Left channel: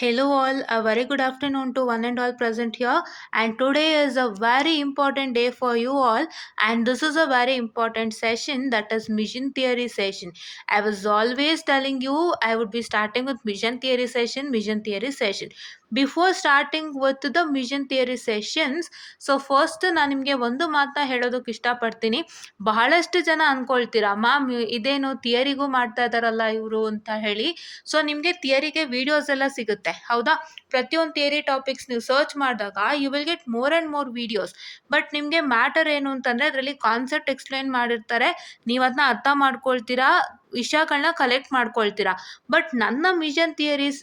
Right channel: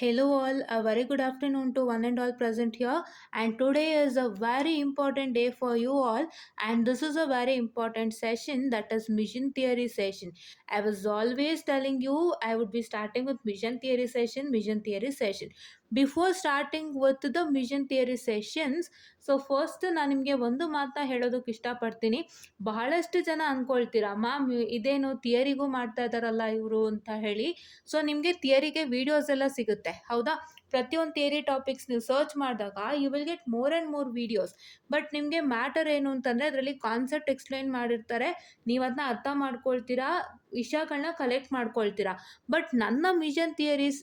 Hello, all. A very good afternoon to one and all present here. And today is a very important day for you all. And this is a very important session, that is mission theory session. I was always telling you I would be starting with mission theory session, mission theory session. Before starting with the mission theory sessions, so first ನಾನು ನಿಮಗೆ ಒಂದು ಮಾತನ್ನ ಹೇಳೋದಕ್ಕೆ ಇಷ್ಟಪಡ್ತೀನಿ. ಬಹಳಷ್ಟು ಜನ ಅನ್ಕೊಳ್ತೀರಾ, ma'am ಇದೇನು ಥಿಯರಿಗೂ ಮಾಡ್ತಾ ಇದ್ದಾರಲ್ಲ ಇವರು ಅಂತ ಹೇಳಿ. ಸೊ ನಿಮಗೆ ಥಿಯರಿಗೆ ವಿಡಿಯೋಸ್ ಎಲ್ಲ ಸಿಗುತ್ತೆ, ಹೌದಾ? ಪ್ರತಿಯೊಂದು ಥಿಯರಿ ಟಾಪಿಕ್ಸ್ ನೀವು ಸರ್ಚ್ ಮಾಡಿದಾಗ you will get more and more videos. But ನಿಮಗೆ ಮ್ಯಾಟರ್ ಏನು ಅಂತಂದರೆ ಅದರಲ್ಲಿ ಕಾನ್ಸೆಪ್ಟ್ ಎಕ್ಸ್ಪ್ಲೈನ್ ಮಾಡಿರ್ತಾರೆ, ನೀವು ಅದನ್ನ ಅರ್ಥ ಮಾಡ್ಕೊಳ್ತೀರಾ, ವಿಷಯಗಳನ್ನ ಕಲೆಕ್ಟ್ ಮಾಡ್ಕೊಳ್ತೀರಾ. ಬಟ್ ನನ್ನ mission theories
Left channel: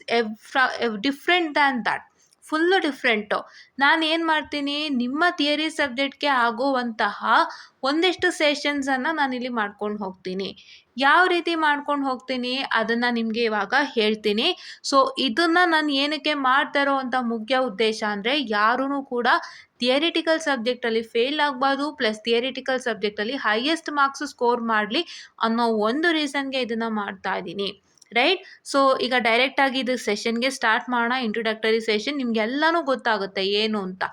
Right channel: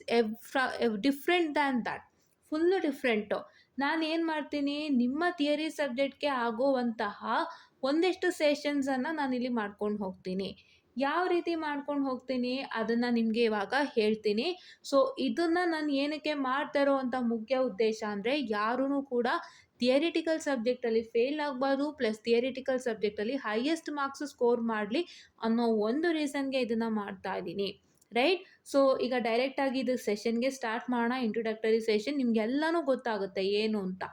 different than that, full different. ನಾನು ಏನು ಮಾಡ್ತೀನಿ, ನಿಮ್ಮ ಥಿಯರಿ ಸಬ್ಜೆಕ್ಟ್ಗೆ ಆಗುವಂತಹ ಒಂದಿಷ್ಟು ಸೆಷನ್ಸನ್ನು ನಾನಿಲ್ಲಿ ಮಾಡ್ಕೊಂಡು ಹೋಗ್ತೀನಿ. ಯಾವ ರೀತಿ ಮಾಡ್ಕೊಂಡು ಹೋಗ್ತೀನಿ ಅದನ್ನು ನಿಮಗೆ ಇವಾಗ ಹೇಳ್ತೀನಿ. ಸೊ ಇದನ್ನು ನಾನು ಏನಕ್ಕೆ ಮಾಡ್ತಾ ಇರೋವಂಥ ಮುಖ್ಯ ಉದ್ದೇಶ ಅಂದರೆ, ಯಾರೂ ಕೂಡ ಥಿಯರಿಟಿಕಲ್ ಸಬ್ಜೆಕ್ಟಲ್ಲಿ ಫೇಲ್ ಆಗಬಾರ್ದು, ಪ್ಲಸ್ ಥಿಯರಿಟಿಕಲ್ ಸಬ್ಜೆಕ್ಟಲ್ಲಿ ಹೈಯೆಸ್ಟ್ ಮಾರ್ಕ್ಸ್ ಸ್ಕೋರ್ ಮಾಡಲಿ ಅನ್ನೋ ಒಂದು ರೀಸನ್ಗೆ ಇದನ್ನು ಮಾಡ್ತಾ ಇದ್ದೀನಿ, ರೈಟ್? ಸೊ ಈಗ ಡೈರೆಕ್ಟಾಗಿ ಇದು ಸೆಷನ್ಗೆ ಸ್ಟಾರ್ಟ್ ಮಾಡೋಣ. ಇಂಟ್ರೊಡಕ್ಟರಿ ಸೆಷನ್, ನಿಮಗೆಲ್ಲನೂ ಗೊತ್ತಾಗುತ್ತೆ ಏನು ಅಂತ.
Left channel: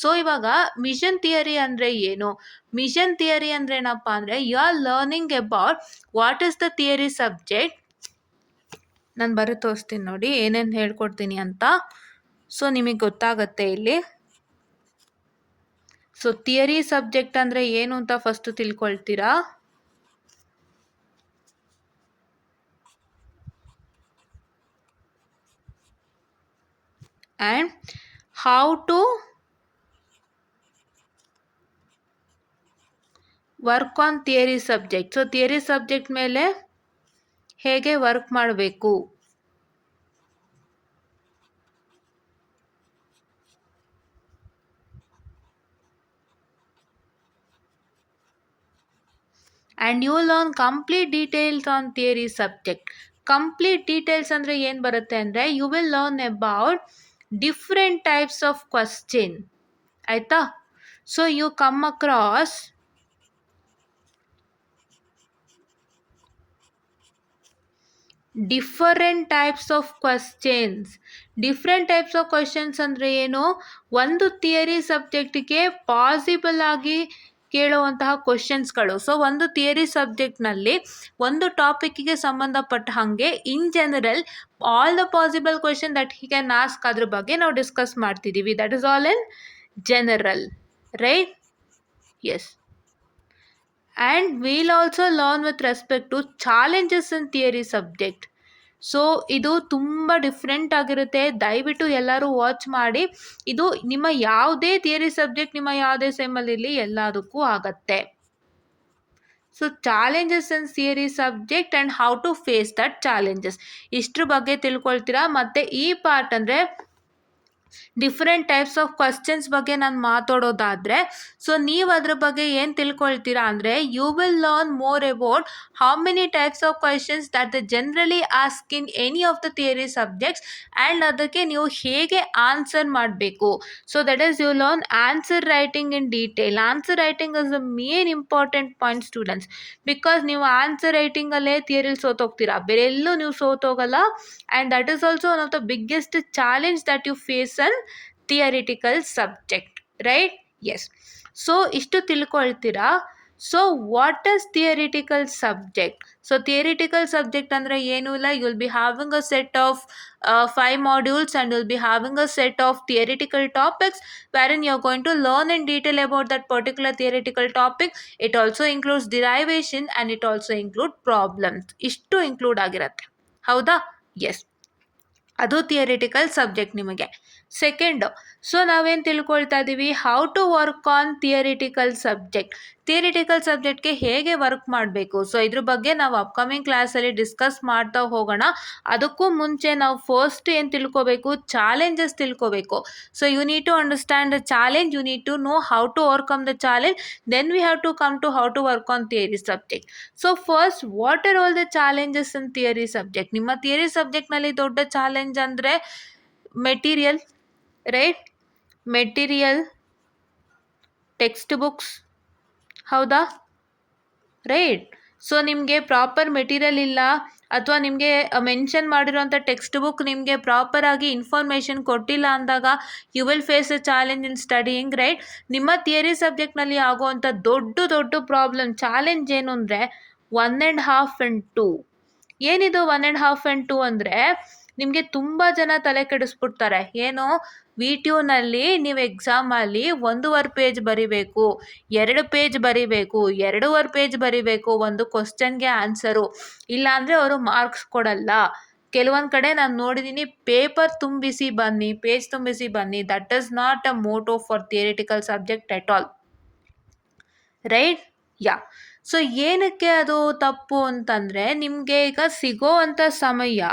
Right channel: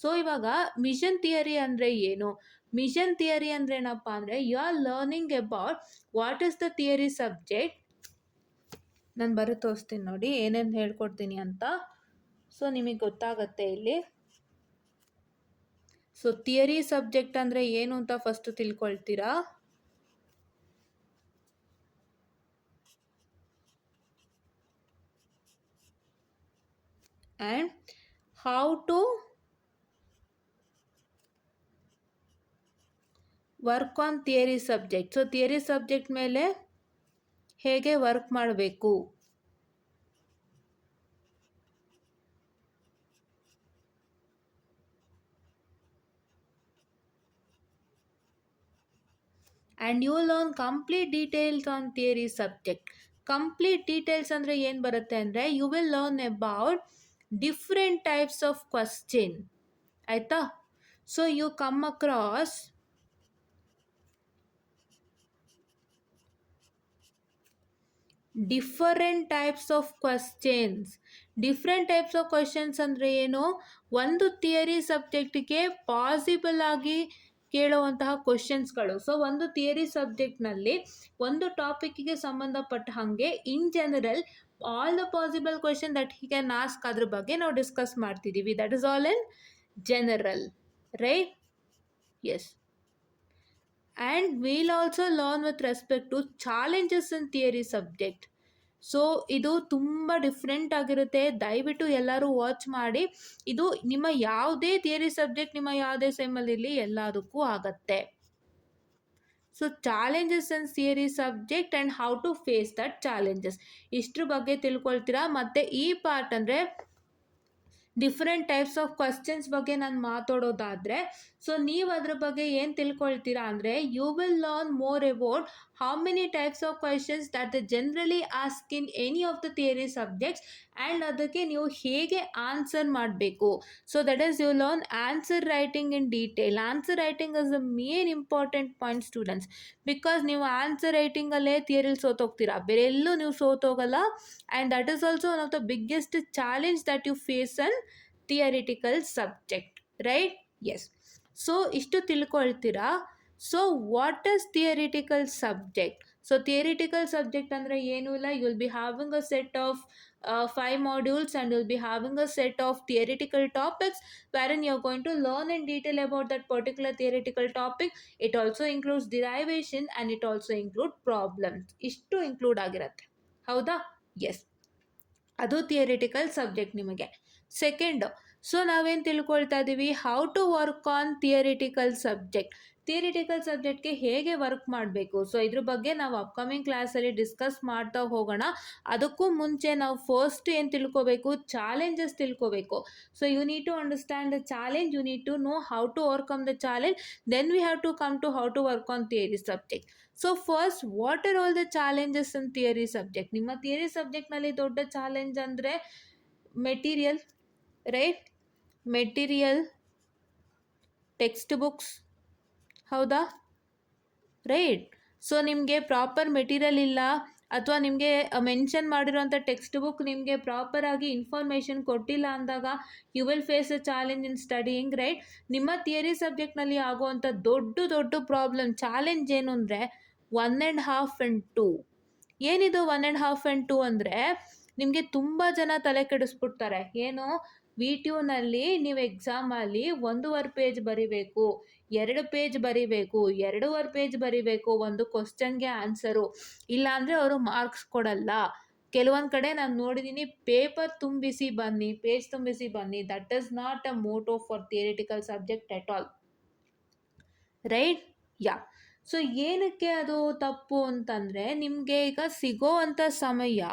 ಸೊ ಇವಾಗ ಮಿಷನ್ ಥಿಯರಿ ಅಂದರೆ ಏನು? ಮಿಷನ್ ಥಿಯರಿ ಅಂದರೆ ಏನಪ್ಪ ಅಂದರೆ, you are learning about what is the theory subject. ನಾನು ಬರೋ ತೋರಿಸ್ತೀನಿ ನೋಡಿ ಏನೇನು ಹೇಳ್ಕೊಡ್ತೀನಿ ಅಂತ. ಸೊ ನಿಮಗೆ ಗೊತ್ತಾಗುತ್ತೆ ಇಲ್ಲಿ. ಸೊ ಥಿಯರಿ ಸಬ್ಜೆಕ್ಟ್ ಅಂದರೆ ಏನು ಅಂತ ಫಸ್ಟು ತಿಳ್ಕೊಳ್ತೀರಾ. And how to work on theory subject. So theory subject ಮೇಲೆ ಹೇಗೆ ವರ್ಕ್ ಮಾಡಬೇಕು, and you learn complete details on theory subject. Complete details ಅಂದರೆ ಏನು ಬರುತ್ತೆ ಅಂದರೆ, you will learn about different types of question, ಆಯಿತಾ? So you come across different types of questions. Different types of questions ಅಂದರೆ ಏನು? ಒಂದು theory ಸಬ್ಜೆಕ್ಟಿಗೆ possible ಆಗಿ ಕೇಳುವಂತಹ ಕ್ವಶನ್ಸ್ಗಳು. ಸೊ ಒಂದು ಥಿಯರಿ ಸಬ್ಜೆಕ್ಟ್ನಲ್ಲಿ ಒಂದು ಟಾಪಿಕ್ಕಿಗೆ ಸಂಬಂಧಪಟ್ಟ ಹಾಗೆ in general all the possible question that he can ask, ಅದ್ರ ಬಗ್ಗೆ ನಾವು ಡಿಸ್ಕಸ್ ಮಾಡ್ತಿದ್ದೀವಿ. That is all in general, right? Yes. And will also learn with respect to challenges in theory subject. So ಇದು ತುಂಬ ಡಿಫ್ರೆಂಟ್ ಆಗಿರುತ್ತೆ, ದಯವಿಟ್ಟು ಎಲ್ಲರೂ watch ಮಾಡಿ. ಇದು ನಿಮ್ಮ ಯಾವುದೇ ಥಿಯರಿ ಸಬ್ಜೆಕ್ಟ್, ನಿಮ್ಮ ಯಾವುದೇ ಸೆಮ್ಮಲ್ಲಿರಲಿ, ಎಲ್ಲದಕ್ಕೂ ಆಗತ್ತೆ. So challenges in theory subject and how to face that challenges, ಇಷ್ಟ್ರ ಬಗ್ಗೆ ತಿಳ್ಕೊಳ್ತೀರಾ. ಮತ್ತು ಈ ಪಾರ್ಟ್ ಅಂದರೆ ಡಿಫ್ರೆಂಟ್ ಟೈಪ್ಸ್ ಆಫ್ ಕ್ವಶನ್ಸ್ ಬಗ್ಗೆ ನಾನು ಮಾತಾಡೋದಾದರೆ, ಸೊ ನೀವು ಅದ್ರ ಬಗ್ಗೆ ಏನು ತಿಳ್ಕೊಳ್ತೀರಾ ಅಂದರೆ, you will learn more about how many types of questions that the generally ask in any of the theory subjects, and ಅದಕ್ಕೆ ನೀವು ಹೇಗೆ ಆನ್ಸರ್ ಮಾಡಬೇಕು. So that is you learn answer writing in detail. Answer writing is the main important point students, because ನೀವು answer ರೈಟಿಂಗಲ್ಲೇ ಥಿಯರಿಲಿ ಸೋತೋಗ್ತೀರಾ, ಬೇರೆ ಎಲ್ಲೂ ನೀವು ಸೋತೋಗಲ್ಲ. And that is also one of the biggest challenge that you face an theoretical subject, right? Yes. So ಇಷ್ಟು ತಿಳ್ಕೊಳ್ತೀರಾ. So what is theoretical subject? So theoretical subject ಅಂದರೆ ಏನೂ ಇಲ್ಲ, you will be having a set of 5 modules and you'll be having a set of theoretical topics wherein you're going to learn in detail about that particular theoretical topic. It also includes derivation and it also includes problems. ಇಷ್ಟು include ಆಗಿರುತ್ತೆ, ಹೌದಾ? Yes, ಅದು theoretical subject ನಿಮಗೆ. Second, so ನಾವೇನು ತಿಳ್ಕೊಳ್ತಾ ಇದ್ದೀವಿ, how to work on theoretical subject. Theoretical ಸಬ್ಜೆಕ್ಟ್ಗೆ ಹೇಗೆ ವರ್ಕ್ ಮಾಡಬೇಕು. ಸೊ ಇದ್ರ ಬಗ್ಗೆ ನಾವು ಅಪ್ಕಮಿಂಗ್ ಕ್ಲಾಸಲ್ಲಿ ಡಿಸ್ಕಸ್ ಮಾಡ್ತಾ ಹೋಗೋಣ. ಅದಕ್ಕೂ ಮುಂಚೆ ನಾವು ಫಸ್ಟ್ ಏನು ತಿಳ್ಕೊಬೇಕು, ಚಾಲೆಂಜಸ್ ತಿಳ್ಕೊಬೇಕು. So you need to understand the challenge, you need to know how to overcome the challenge, then we have to come to how to work on theory subject. So first, what are all the challenges in theory subject? ನಿಮ್ಮ theory ಸಬ್ಜೆಕ್ಟ್ನಲ್ಲಿ ದೊಡ್ಡ challenge ಅಂದರೆ material, right? Material, textbooks, ಹೌದಾ? Right. So ನಿಮಗೆ proper material ಇಲ್ಲ, ಅಥವಾ ನಿಮಗೆ mention ಮಾಡಿರೋಂಥ ಟೆಕ್ಸ್ಟ್ ಬುಕ್ ನಿಮಗೆ ಪ್ರಾಪರಾಗಿ ಇನ್ಫಾರ್ಮೇಷನ್ ಕೊಟ್ಟಿಲ್ಲ ಅಂದಾಗ you will face a challenge in studying, right? ನಿಮ್ಮ ಥಿಯರಿ ಸಬ್ಜೆಕ್ಟ್ನಲ್ಲಿ ಆಗುವಂಥ ದೊಡ್ಡ ದೊಡ್ಡ ಪ್ರಾಬ್ಲಮ್ ಚಾಲೆಂಜ್ ಏನು ಅಂದರೆ 1.5 and 2. ಏನಿದು 1.5 and 2 ಅಂದರೆ ನಿಮಗೆ ತುಂಬ ಜನ ತಲೆ ಕೆಡಿಸ್ಬಿಡ್ತಾರೆ. ಏನು, ವಿ ಟ್ಯೂನಲ್ಲಿ ನೀವು ಎಕ್ಸಾಮಲ್ಲಿ 1.5 ಪೇಜ್ ಬರಿಬೇಕು, 2 ಪೇಜ್ ಬರಿಬೇಕು, 2.5 ಪೇಜ್ ಬರಿಬೇಕು ಒಂದು ಕ್ವಶನ್ಗೆ ಆನ್ಸರು, ಇಲ್ಲಾಂದರೆ ಅವರು ಮಾರ್ಕ್ಸ್ ಕೊಡಲ್ಲ. ಕೆಲವೊಂದು ಕಡೆ ನಾನು ನೋಡಿದ್ದೀನಿ, ಪೇಪರ್ ತುಂಬಿಸಿ ಬನ್ನಿ, ಪೇಜ್ ತುಂಬಿಸಿ ಬನ್ನಿ. That is not a motto for theoretical subject at all, right? Ya. So ಏನಕ್ಕೆ ಅದು ತಪ್ಪು ಅಂತಂದರೆ, ನಿಮಗೆ ಈಗ ಸಿಗೋವಂಥ ಸಮಯ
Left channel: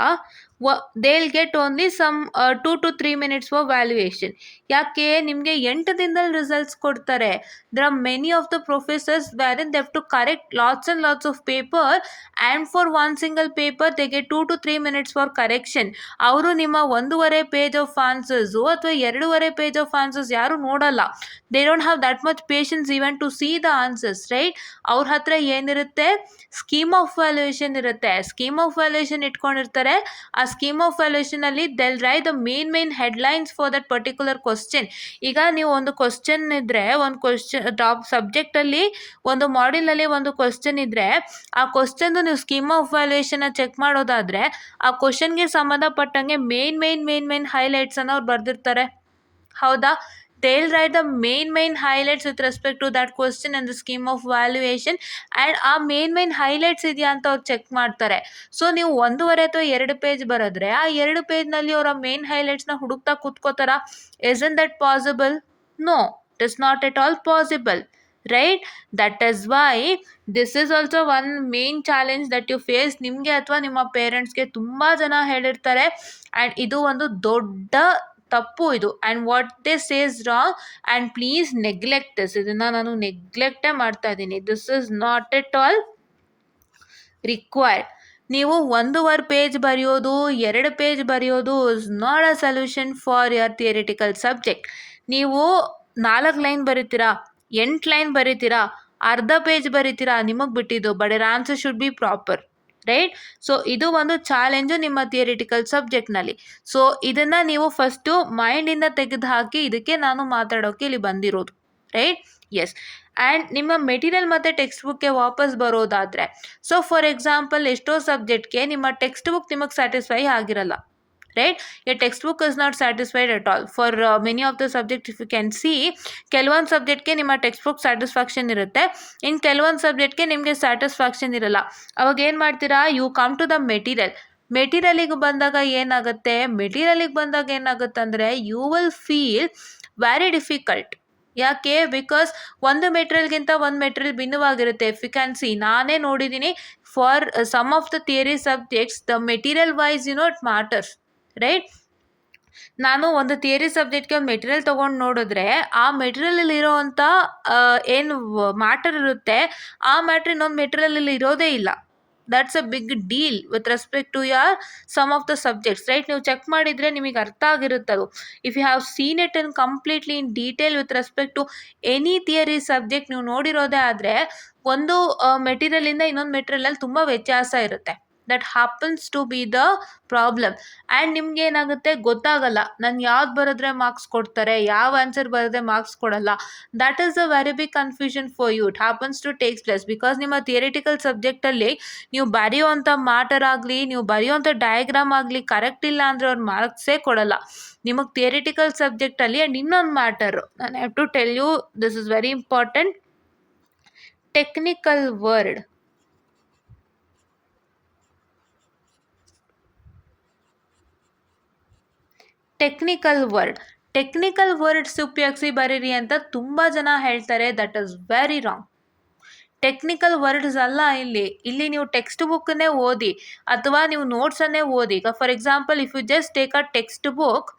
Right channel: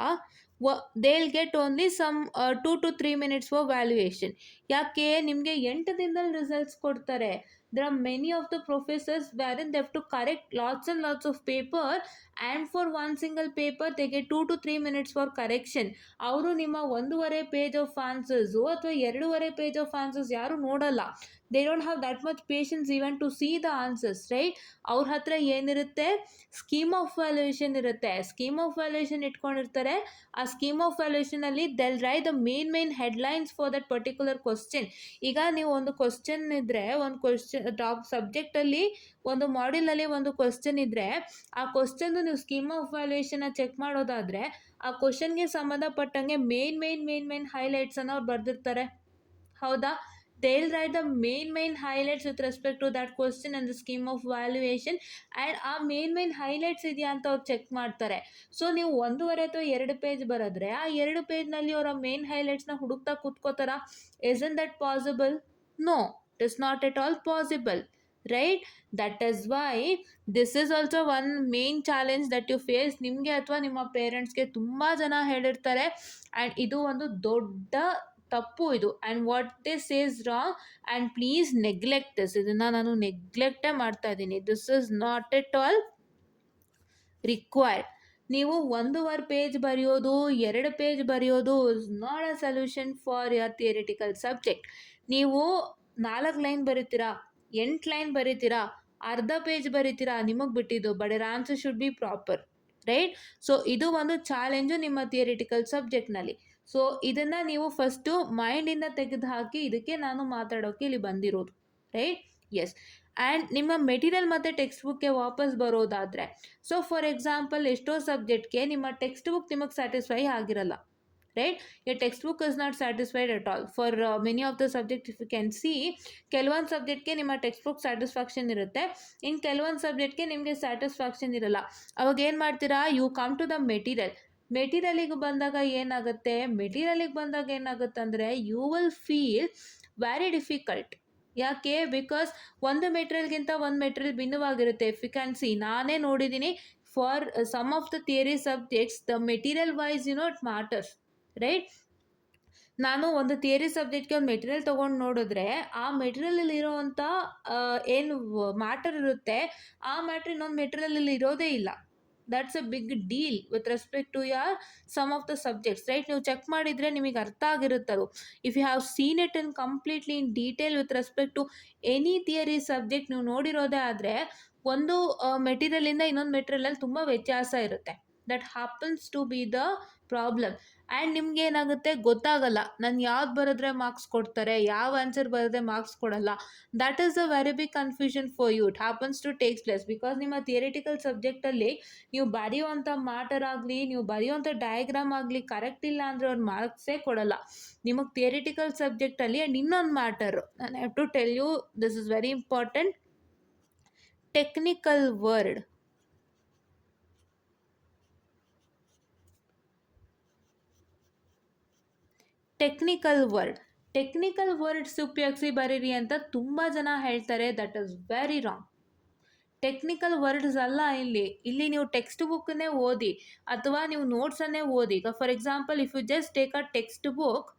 they will get only some 2 to 3 minutes for valuation. ಯಾಕೆ? ನಿಮಗೆ 8 ದಿನದಲ್ಲಿ ರಿಸಲ್ಟ್ಸ್ ಕೊಡ್ತಾರೆ. There are many of the professors where in they have to correct lots and lots of paper, and for one single paper they get 2 to 3 minutes for correction. ಅವರು ನಿಮ್ಮ 1.5 page of answers ಅಥವಾ 2.5 page of answers ಯಾರು ನೋಡಲ್ಲ. They don't have that much patience even to see the answers, right? ಅವ್ರ ಹತ್ರ ಏನಿರುತ್ತೆ, scheme of valuation ಇರುತ್ತೆ. Scheme of valuation ಇಟ್ಕೊಂಡಿರ್ತಾರೆ. ಆ ಸ್ಕೀಮ್ ಆಫ್ ವ್ಯಾಲ್ಯೂಯೇಷನಲ್ಲಿ they'll write the main headlines for that particular question. ಈಗ ನೀವು ಒಂದು ಕ್ವಶನ್ ಇದ್ದರೆ, ಒಂದು ಕ್ವಶನ್ ಟಾಪ್ ಸಬ್ಜೆಕ್ಟಲ್ಲಿ ಒಂದು ಮಾಡ್ಯೂಲಲ್ಲಿ ಒಂದು ಕ್ವಶನ್ ಇದ್ದರೆ, ಆ ಕ್ವಶನ್ದು ನೀವು ಸ್ಕೀಮ್ ಆಫ್ ವ್ಯಾಲ್ಯೂಯೇಷನ್ನ ಚೆಕ್ ಮಾಡೋದಾದರೆ ಆ ಕ್ವಶನ್ಗೆ ಸಂಬಂಧಪಟ್ಟಂಗೆ ಮೇನ್ ಹೈಲೈಟ್ಸನ್ನು ಅವ್ರು ಬರೆದಿರ್ತಾರೆ. ಹೌದಾ? they'll write the main highlights with respect to that question and the scheme of valuation, and ಆ main highlights ಇದೆಯಾ ಅಂತ ಅವ್ರು ಚೆಕ್ ಮಾಡ್ತಾರೆ. ಸೊ ನೀವು 1.5 ಅಥವಾ 2 ಪೇಜ್ ಬರೆದ್ರೆ ಆ 2 ಪೇಜ್ನಲ್ಲಿ ಅವರ ಮೇನ್ ಹೈಲೈಟ್ಸ್ನ ಹುಡುಕ್ತಾ ಕೂತ್ಕೋತಾರ? isn't that possible? No, it is not at all possible, right? That is why this is also one main challenge that you face. ನಿಮಗೆ ಅಥವಾ ನಿಮ್ಮ ಪೇರೆಂಟ್ಸ್ಗೆ ತುಂಬ ಜನ ಹೇಳಿರ್ತಾರೆ, ಆ್ಯಂಡ್ ಇದು ಒಂದು ದೊಡ್ಡ ತಪ್ಪು ಇದು. And what they says wrong, and please neglect this. ಇದನ್ನು ನಾನು ನೆಗ್ಲೆಕ್ಟೇ ಮಾಡ್ತಾ ಇದ್ದೀನಿ. This is not at all required. ನೀವು 1.5 ಪೇಜ್ ಬರೆಯೋದು, 2 ಪೇಜ್ ಬರೆಯೋದು is not a solution for your theoretical subject. ನೀವು 4 ಲೈನ್ ಬರೀತೀರಾ, 8 ಲೈನ್ ಬರೀತೀರಾ, ಅರ್ಧ ಪೇಜ್ ಬರೀತೀರಾ, ನಿಮಗೆ ಬಿಟ್ಟಿದ್ದು. But your answer should be proper, right? So ಇದು ಒಂದು ಚಾಲೆಂಜು ನಿಮ್ಮ ಥಿಯರಿಟಿಕಲ್ ಸಬ್ಜೆಕ್ಟ್ನಲ್ಲಿ. ಸೊ ಇದನ್ನು ನೀವು ಫಸ್ಟು ಮೈಂಡಿಂದ ತೆಗೆದು ಹಾಕಿ, ಇದಕ್ಕೆ ನಾನು ಮಾತಾಡೋಕ್ಕೆ ಇಲ್ಲಿ ಬಂದಿರೋದು, ರೈಟ್? ಎಸ್. ಆ್ಯಂಡ್ ನಿಮ್ಮ ಮೆಟೀರಿಯಲ್ ಮತ್ತು ಟೆಕ್ಸ್ಟ್ ಬುಕ್ಗೆ ವಾಪಸ್ ಬರೋದಾದರೆ, ಸೊ ಫಾರ್ ಎಕ್ಸಾಂಪಲ್ ಎಷ್ಟೋ ಸಬ್ಜೆಕ್ಟ್ಗೆ ನಿಮ್ಮ ಟೆಕ್ಸ್ಟ್ ಬುಕ್ ನಿಮಗೆ ಸ್ಯಾಟಿಸ್ಫೈ ಆಗಿರಲ್ಲ, right? Your textbook is not satisfied at all. For many of the subjects, if you can see, ಕೆಲವೊಂದು ಸಬ್ಜೆಕ್ಟ್ಗೆ ನಿಮ್ಮ ಟೆಕ್ಸ್ಟ್ ಬುಕ್ ಸ್ಯಾಟಿಸ್ಫ್ಯಾಕ್ಷನ್ ಇರುತ್ತೆ, ಇನ್ನು ಕೆಲವೊಂದು ಸಬ್ಜೆಕ್ಟ್ಗೆ ನಿಮಗೆ ಸ್ಯಾಟಿಸ್ಫ್ಯಾಕ್ಷನ್ ಇರಲ್ಲ. ಅವಾಗ ಏನು ಮಾಡ್ತೀರಾ? ಯು ಕಮ್ ಟು ದ ಮೆಟೀರಿಯಲಿಗೆ ಬಂದಾಗ ಏನಾಗುತ್ತೆ ಅಂದರೆ you will feel very difficult. ಯಾಕೆ? ಬಿಕಾಸ್ ಒಂದು ಮೆಟೀರಿಯಲ್ಗಿಂತ ಒಂದು ಮೆಟೀರಿಯಲ್ ಭಿನ್ನವಾಗಿರುತ್ತೆ. ಇಫ್ ಯು ಕ್ಯಾನ್ ಸಿ, ನಾನೇ ನೋಡಿದ್ದೀನಿ, for some of the theory subjects the material wise it matters, right? ನಾನು ಒಂದು ಥಿಯರಿ ಸಬ್ಜೆಕ್ಟ್ಗೆ ಒಂದು ಮೆಟೀರಿಯಲ್ ತೊಗೊಂಡು ನೋಡಿದ್ರೆ ಆ ಮೆಟೀರಿಯಲಲ್ಲಿ ಇರೋವಂಥ ಏನು ಮ್ಯಾಟರ್ ಇರುತ್ತೆ, ಆ ಮ್ಯಾಟ್ರ್ ಇನ್ನೊಂದು ಮೆಟೀರಿಯಲಲ್ಲಿ ಇರೋದೇ ಇಲ್ಲ. That's a big deal with respect to your some of the subjects, right? ನೀವು ಚೆಕ್ ಮಾಡಿದರೆ ನಿಮಗೆ ಅರ್ಥ ಆಗಿರುತ್ತದು. If you have seen it in completely in detail with respect to any theory subject ನೀವು ನೋಡಿರೋದೇ ಆದರೆ, ಒಂದು ಮೆಟೀರಿಯಲಿಂದ ಇನ್ನೊಂದು ಮೆಟೀರಿಯಲಲ್ಲಿ ತುಂಬ ವ್ಯತ್ಯಾಸ ಇರುತ್ತೆ. That happens to be the problem. And ನಿಮ್ಗೆ ಏನಾಗುತ್ತೆ ಗೊತ್ತಾಗಲ್ಲ, ನಾನು ಯಾವ್ದು ಬರೆದ್ರೆ ಮಾರ್ಕ್ಸ್ ಕೊಡ್ತಾರೆ, ಯಾವ ಆನ್ಸರ್ ಬರೆದ್ರೆ ಮಾರ್ಕ್ಸ್ ಕೊಡಲ್ಲ. That is a very big confusion for you. It happens to takes place because ನಿಮ್ಮ ಥಿಯರಿಟಿಕಲ್ ಸಬ್ಜೆಕ್ಟಲ್ಲಿ ನೀವು ಬರೆಯುವಂಥ ಮ್ಯಾಟರ್ ಆಗಲಿ, ನೀವು ಬರೆಯುವಂಥ ಡಯಾಗ್ರಾಮ್ ಆಗಲಿ ಕರೆಕ್ಟ್ ಇಲ್ಲ ಅಂದರೆ ಅವ್ರು ಮಾರ್ಕ್ಸೇ ಕೊಡಲ್ಲ ನಿಮಗೆ ಥಿಯರಿಟಿಕಲ್ ಸಬ್ಜೆಕ್ಟಲ್ಲಿ. ಆ್ಯಂಡ್ ಇನ್ನೊಂದು ಮ್ಯಾಟರು ನಾನು have to tell you, this is very important. Technical word. Technical words ಉಪಯೋಗಿಸಿ ಬರೀರಿ ಅಂತ ತುಂಬ ಜನ ಹೇಳ್ತಾರೆ. That is very wrong. Technical words ಅಲ್ಲ ಇಲ್ಲಿ ನೀವು ಟೆಕ್ಸ್ಟ್ ಬುಕ್ಕನ್ನೇ ಓದಿ ಅಥವಾ ನೀವು ನೋಟ್ಸನ್ನೇ ಓದಿ. ಈಗ for example, if you just take a textbook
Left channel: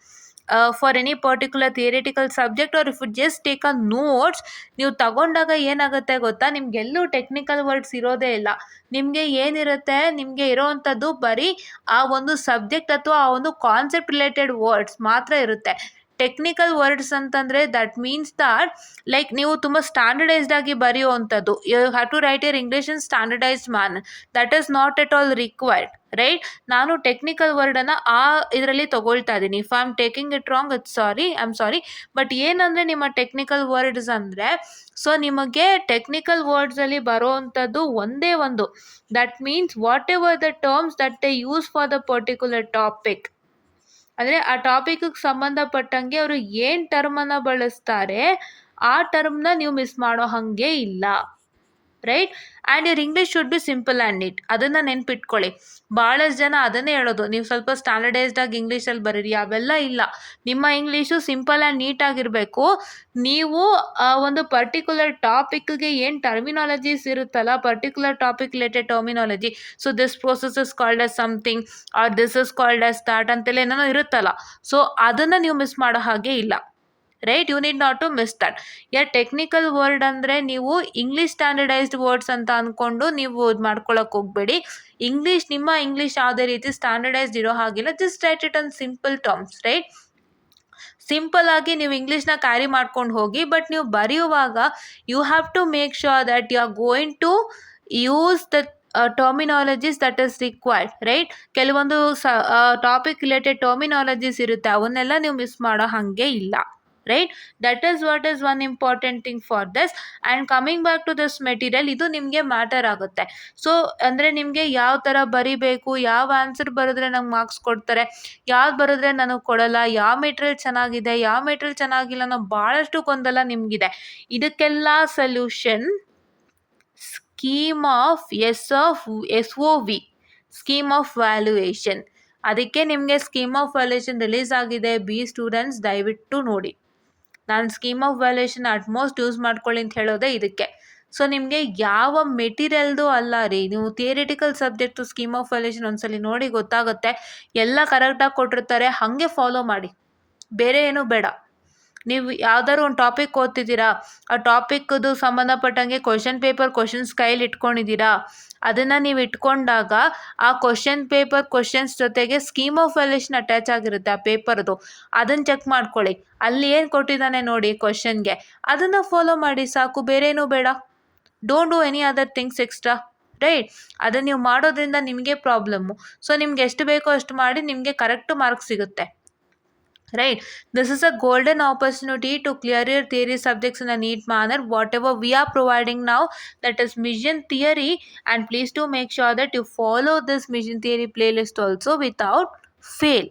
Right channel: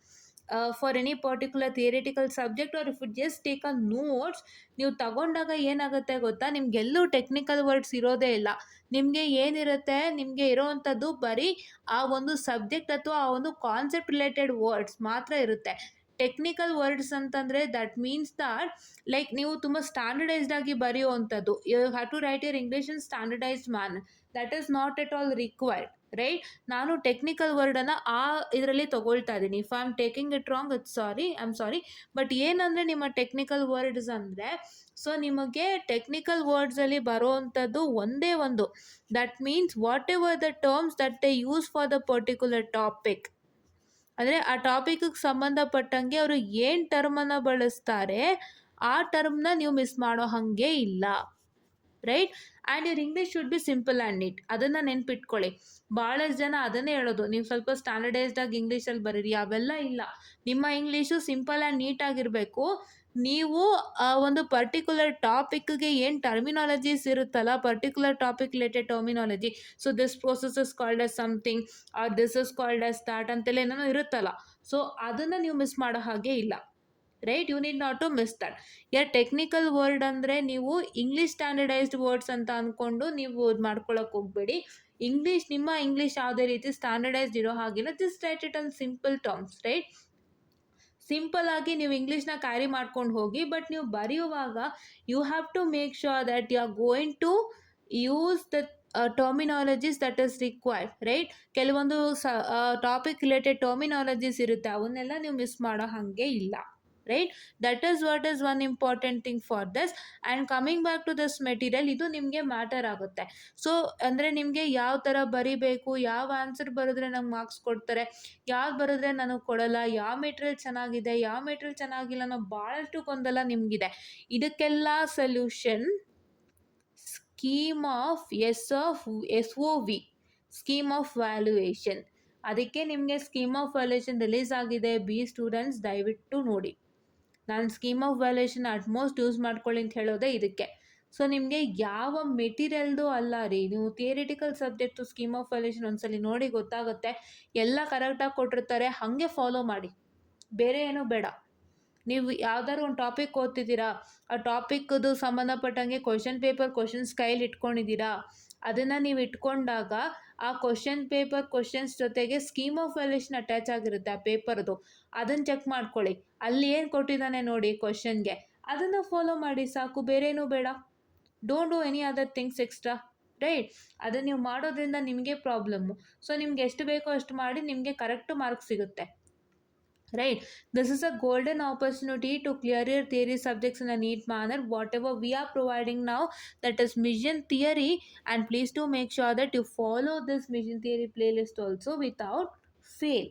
for any particular theoretical subject, or if you just take a notes, ನೀವು ತಗೊಂಡಾಗ ಏನಾಗುತ್ತೆ ಗೊತ್ತಾ, ನಿಮಗೆಲ್ಲೂ ಟೆಕ್ನಿಕಲ್ ವರ್ಡ್ಸ್ ಇರೋದೇ ಇಲ್ಲ. ನಿಮಗೆ ಏನಿರುತ್ತೆ, ನಿಮಗೆ ಇರೋವಂಥದ್ದು ಬರೀ ಆ ಒಂದು ಸಬ್ಜೆಕ್ಟ್ ಅಥವಾ ಆ ಒಂದು ಕಾನ್ಸೆಪ್ಟ್ ರಿಲೇಟೆಡ್ ವರ್ಡ್ಸ್ ಮಾತ್ರ ಇರುತ್ತೆ. ಟೆಕ್ನಿಕಲ್ ವರ್ಡ್ಸ್ ಅಂತಂದರೆ ದಟ್ ಮೀನ್ಸ್ ದಟ್ ಲೈಕ್ ನೀವು ತುಂಬ ಸ್ಟ್ಯಾಂಡರ್ಡೈಸ್ಡ್ ಆಗಿ ಬರೆಯುವಂಥದ್ದು. You have to write your English in standardised manner. That is not at all required. Right. ನಾನು ಟೆಕ್ನಿಕಲ್ ವರ್ಡನ್ನು ಆ ಇದರಲ್ಲಿ ತಗೊಳ್ತಾ ಇದ್ದೀನಿ. If I am taking it wrong it's sorry, I am sorry. But ಏನಂದರೆ ನಿಮ್ಮ ಟೆಕ್ನಿಕಲ್ ವರ್ಡ್ಸ್ ಅಂದರೆ, so ನಿಮಗೆ ಟೆಕ್ನಿಕಲ್ ವರ್ಡ್ಸಲ್ಲಿ ಬರೋವಂಥದ್ದು ಒಂದೇ ಒಂದು, that means whatever the terms that they use for the particular topic. ಅಂದರೆ ಆ ಟಾಪಿಕ್ಗೆ ಸಂಬಂಧಪಟ್ಟಂಗೆ ಅವರು ಏನು ಟರ್ಮನ್ನು ಬಳಸ್ತಾರೆ ಆ ಟರ್ಮ್ನ ನೀವು ಮಿಸ್ ಮಾಡೋ ಹಾಗೆ ಇಲ್ಲ. Right. And your English should be simple and neat. ಅದನ್ನು ನೆನ್ಪಿಟ್ಕೊಳ್ಳಿ. ಭಾಳಷ್ಟು ಜನ ಅದನ್ನೇ ಹೇಳೋದು, ನೀವು ಸ್ವಲ್ಪ ಸ್ಟ್ಯಾಂಡರ್ಡೈಸ್ಡಾಗಿ ಇಂಗ್ಲೀಷಲ್ಲಿ ಬರೀರಿ. ಅವೆಲ್ಲ ಇಲ್ಲ. ನಿಮ್ಮ ಇಂಗ್ಲೀಷು ಸಿಂಪಲ್ ಆ್ಯಂಡ್ ನೀಟಾಗಿರಬೇಕು. ನೀವು ಒಂದು ಪರ್ಟಿಕ್ಯುಲರ್ ಟಾಪಿಕ್ಗೆ ಏನು ಟರ್ಮಿನಾಲಜೀಸ್ ಇರುತ್ತಲ್ಲ, particular topic related terminology, so this process is called as something or this is called as that ಅಂತೆಲ್ಲ ಏನೋ ಇರುತ್ತಲ್ಲ, ಸೊ ಅದನ್ನು ನೀವು ಮಿಸ್ ಮಾಡೋ ಹಾಗೆ ಇಲ್ಲ. Right. You need not to miss that. Technical word ಅಂದರೆ ನೀವು ಇಂಗ್ಲೀಷ್ ಸ್ಟ್ಯಾಂಡರ್ಡೈಸ್ಡ್ ವರ್ಡ್ಸ್ ಅಂತ ಅಂದ್ಕೊಂಡು ನೀವು ಇದು ಮಾಡ್ಕೊಳಕ್ಕೆ ಹೋಗಬೇಡಿ. ನಿಮ್ಮ ಇಂಗ್ಲೀಷ್ ಯಾವುದೇ ರೀತಿ ಸ್ಟ್ಯಾಂಡರ್ಡೈಸ್ಡ್ ಇರೋ ಹಾಗಿಲ್ಲ. Just write it on simple terms. Right. Simple ಆಗಿ ನೀವು ಇಂಗ್ಲೀಷ್ನ ಕ್ಯಾರಿ ಮಾಡ್ಕೊಂಡು ಹೋಗಿ. ಬಟ್ ನೀವು ಬರೆಯುವಾಗ you have to make sure that you are going to use the terminologies that is required. Right. ಕೆಲವೊಂದು ಟಾಪಿಕ್ ರಿಲೇಟೆಡ್ ಟರ್ಮಿನಾಲಜೀಸ್ ಇರುತ್ತೆ, ಅವನ್ನೆಲ್ಲ ನೀವು ಮಿಸ್ ಮಾಡೋ ಹಾಗೆ ಇಲ್ಲ. Right. That is what is one important thing for this. And coming back to this material, ಇದು ನಿಮಗೆ matter ಆಗುತ್ತೆ. ಸೊ ಅಂದರೆ ನಿಮಗೆ ಯಾವ ಥರ ಬರಿಬೇಕು, ಯಾವ ಆನ್ಸರ್ ಬರೆದ್ರೆ ನಂಗೆ ಮಾರ್ಕ್ಸ್ ಕೊಡ್ತಾರೆ, ಯಾವ್ದು ಬರೆದ್ರೆ ನನಗೆ ಕೊಡಲ್ಲ, ಯಾವ ಮೆಟೀರಿಯಲ್ ಚೆನ್ನಾಗಿದೆ, ಯಾವ ಮೆಟೀರಿಯಲ್ ಚೆನ್ನಾಗಿಲ್ಲ ಅನ್ನೋ ಭಾಳಷ್ಟು ಗೊಂದಲ ನಿಮಗಿದೆ. ಇದಕ್ಕೆಲ್ಲ solution scheme of SOV, scheme of valuation. ಅದಕ್ಕೆ ನಿಮಗೆ ಸ್ಕೀಮ್ ಆಫ್ ವ್ಯಾಲ್ಯೂಯೇಷನ್ ರಿಲೀಸ್ ಆಗಿದೆ. ಬಿ ಸ್ಟೂಡೆಂಟ್ಸ್ ದಯವಿಟ್ಟು ನೋಡಿ. ನಾನು scheme of valuation utmost use ಮಾಡ್ಕೊಳ್ಳಿ ಅಂತ ಹೇಳೋದೇ ಇದಕ್ಕೆ. ಸೊ ನಿಮಗೆ ಯಾವ ಮೆಟೀರಿಯಲ್ದು ಅಲ್ಲ ರೀ, ನೀವು theoretical subject scheme of valuation ಒಂದ್ಸಲಿ ನೋಡಿ ಗೊತ್ತಾಗುತ್ತೆ. ಎಲ್ಲ ಕರೆಕ್ಟಾಗಿ ಕೊಟ್ಟಿರ್ತಾರೆ, ಹಾಗೆ ಫಾಲೋ ಮಾಡಿ, ಬೇರೆ ಏನೂ ಬೇಡ. ನೀವು ಯಾವ್ದಾದ್ರು ಒಂದು ಟಾಪಿಕ್ ಓದ್ತಿದ್ದೀರಾ, ಆ ಟಾಪಿಕ್ದು ಸಂಬಂಧಪಟ್ಟಂಗೆ ಕ್ವಶನ್ ಪೇಪರ್ ಕ್ವಶನ್ಸ್ ಕೈಲಿ ಇಟ್ಕೊಂಡಿದ್ದೀರಾ, ಅದನ್ನು ನೀವು ಇಟ್ಕೊಂಡಾಗ ಆ ಕ್ವಶನ್ ಪೇಪರ್ ಕ್ವಶನ್ಸ್ ಜೊತೆಗೆ ಸ್ಕೀಮ್ ಆಫ್ ವ್ಯಾಲ್ಯೂಯೇಷನ್ ಅಟ್ಯಾಚ್ ಆಗಿರುತ್ತೆ ಆ ಪೇಪರ್ದು. ಅದನ್ನು ಚೆಕ್ ಮಾಡ್ಕೊಳ್ಳಿ. ಅಲ್ಲಿ ಏನು ಕೊಟ್ಟಿದ್ದಾನೆ ನೋಡಿ ಕ್ವಶನ್ಗೆ, ಅದನ್ನು ಫಾಲೋ ಮಾಡಿ ಸಾಕು, ಬೇರೆ ಏನೂ ಬೇಡ. Don't do any other things extra. Right. ಅದನ್ನು ನೀವು ಮಾಡೋದ್ರಿಂದ ನಿಮಗೆ ಪ್ರಾಬ್ಲಮ್ಮು. ಸೊ ನಿಮ್ಗೆ ಎಷ್ಟು ಬೇಕೋ ಅಷ್ಟು ಮಾಡಿ, ನಿಮಗೆ ಕರೆಕ್ಟು ಮಾರ್ಕ್ಸ್ ಸಿಗುತ್ತೆ. Right. This is a golden opportunity to clear your theory subjects in a neat manner. Whatever we are providing now, that is mission theory, and please do make sure that you follow this mission theory playlist also without fail.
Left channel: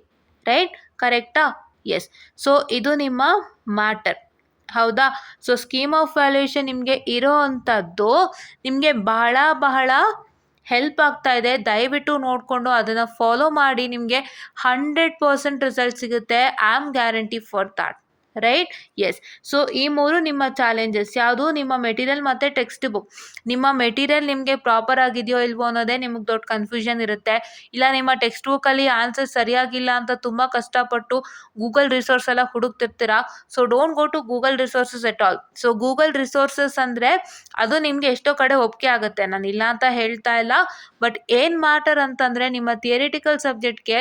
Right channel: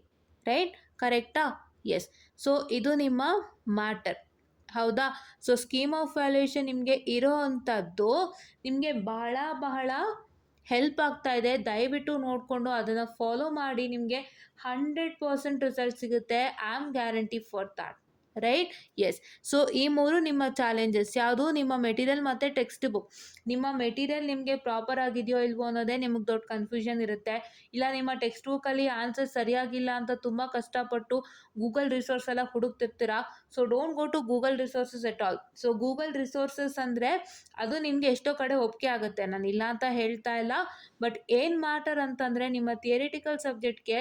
Right. Correcta? Yes. So ಇದು ನಿಮ್ಮ matter. ಹೌದಾ. So scheme of valuation ನಿಮಗೆ ಇರೋ ಅಂಥದ್ದು ನಿಮಗೆ ಬಹಳ help ಆಗ್ತಾ ಇದೆ. ದಯವಿಟ್ಟು ನೋಡಿಕೊಂಡು ಅದನ್ನು ಫಾಲೋ ಮಾಡಿ, ನಿಮಗೆ 100% ರಿಸಲ್ಟ್ ಸಿಗುತ್ತೆ. I am guarantee for that. Right. Yes. So ಈ 3 ನಿಮ್ಮ ಚಾಲೆಂಜಸ್ ಯಾವುದು, ನಿಮ್ಮ ಮೆಟೀರಿಯಲ್ ಮತ್ತು ಟೆಕ್ಸ್ಟ್ ಬುಕ್. ನಿಮ್ಮ ಮೆಟೀರಿಯಲ್ ನಿಮಗೆ ಪ್ರಾಪರ್ ಆಗಿದೆಯೋ ಇಲ್ವೋ ಅನ್ನೋದೇ ನಿಮಗೆ ದೊಡ್ಡ ಕನ್ಫ್ಯೂಷನ್ ಇರುತ್ತೆ. ಇಲ್ಲ ನಿಮ್ಮ ಟೆಕ್ಸ್ಟ್ ಬುಕ್ಕಲ್ಲಿ ಆನ್ಸರ್ ಸರಿಯಾಗಿಲ್ಲ ಅಂತ ತುಂಬ ಕಷ್ಟಪಟ್ಟು ಗೂಗಲ್ ರಿಸೋರ್ಸ್ ಎಲ್ಲ ಹುಡುಕ್ತಿರ್ತೀರಾ. So don't go to Google resources at all. So Google resources ಅಂದರೆ ಅದು ನಿಮಗೆ ಎಷ್ಟೋ ಕಡೆ ಒಪ್ಪಿಗೆ ಆಗುತ್ತೆ, ನಾನು ಇಲ್ಲ ಅಂತ ಹೇಳ್ತಾ ಇಲ್ಲ. ಬಟ್ ಏನು ಮ್ಯಾಟರ್ ಅಂತಂದರೆ ನಿಮ್ಮ ಥಿಯರಿಟಿಕಲ್ ಸಬ್ಜೆಕ್ಟ್ಗೆ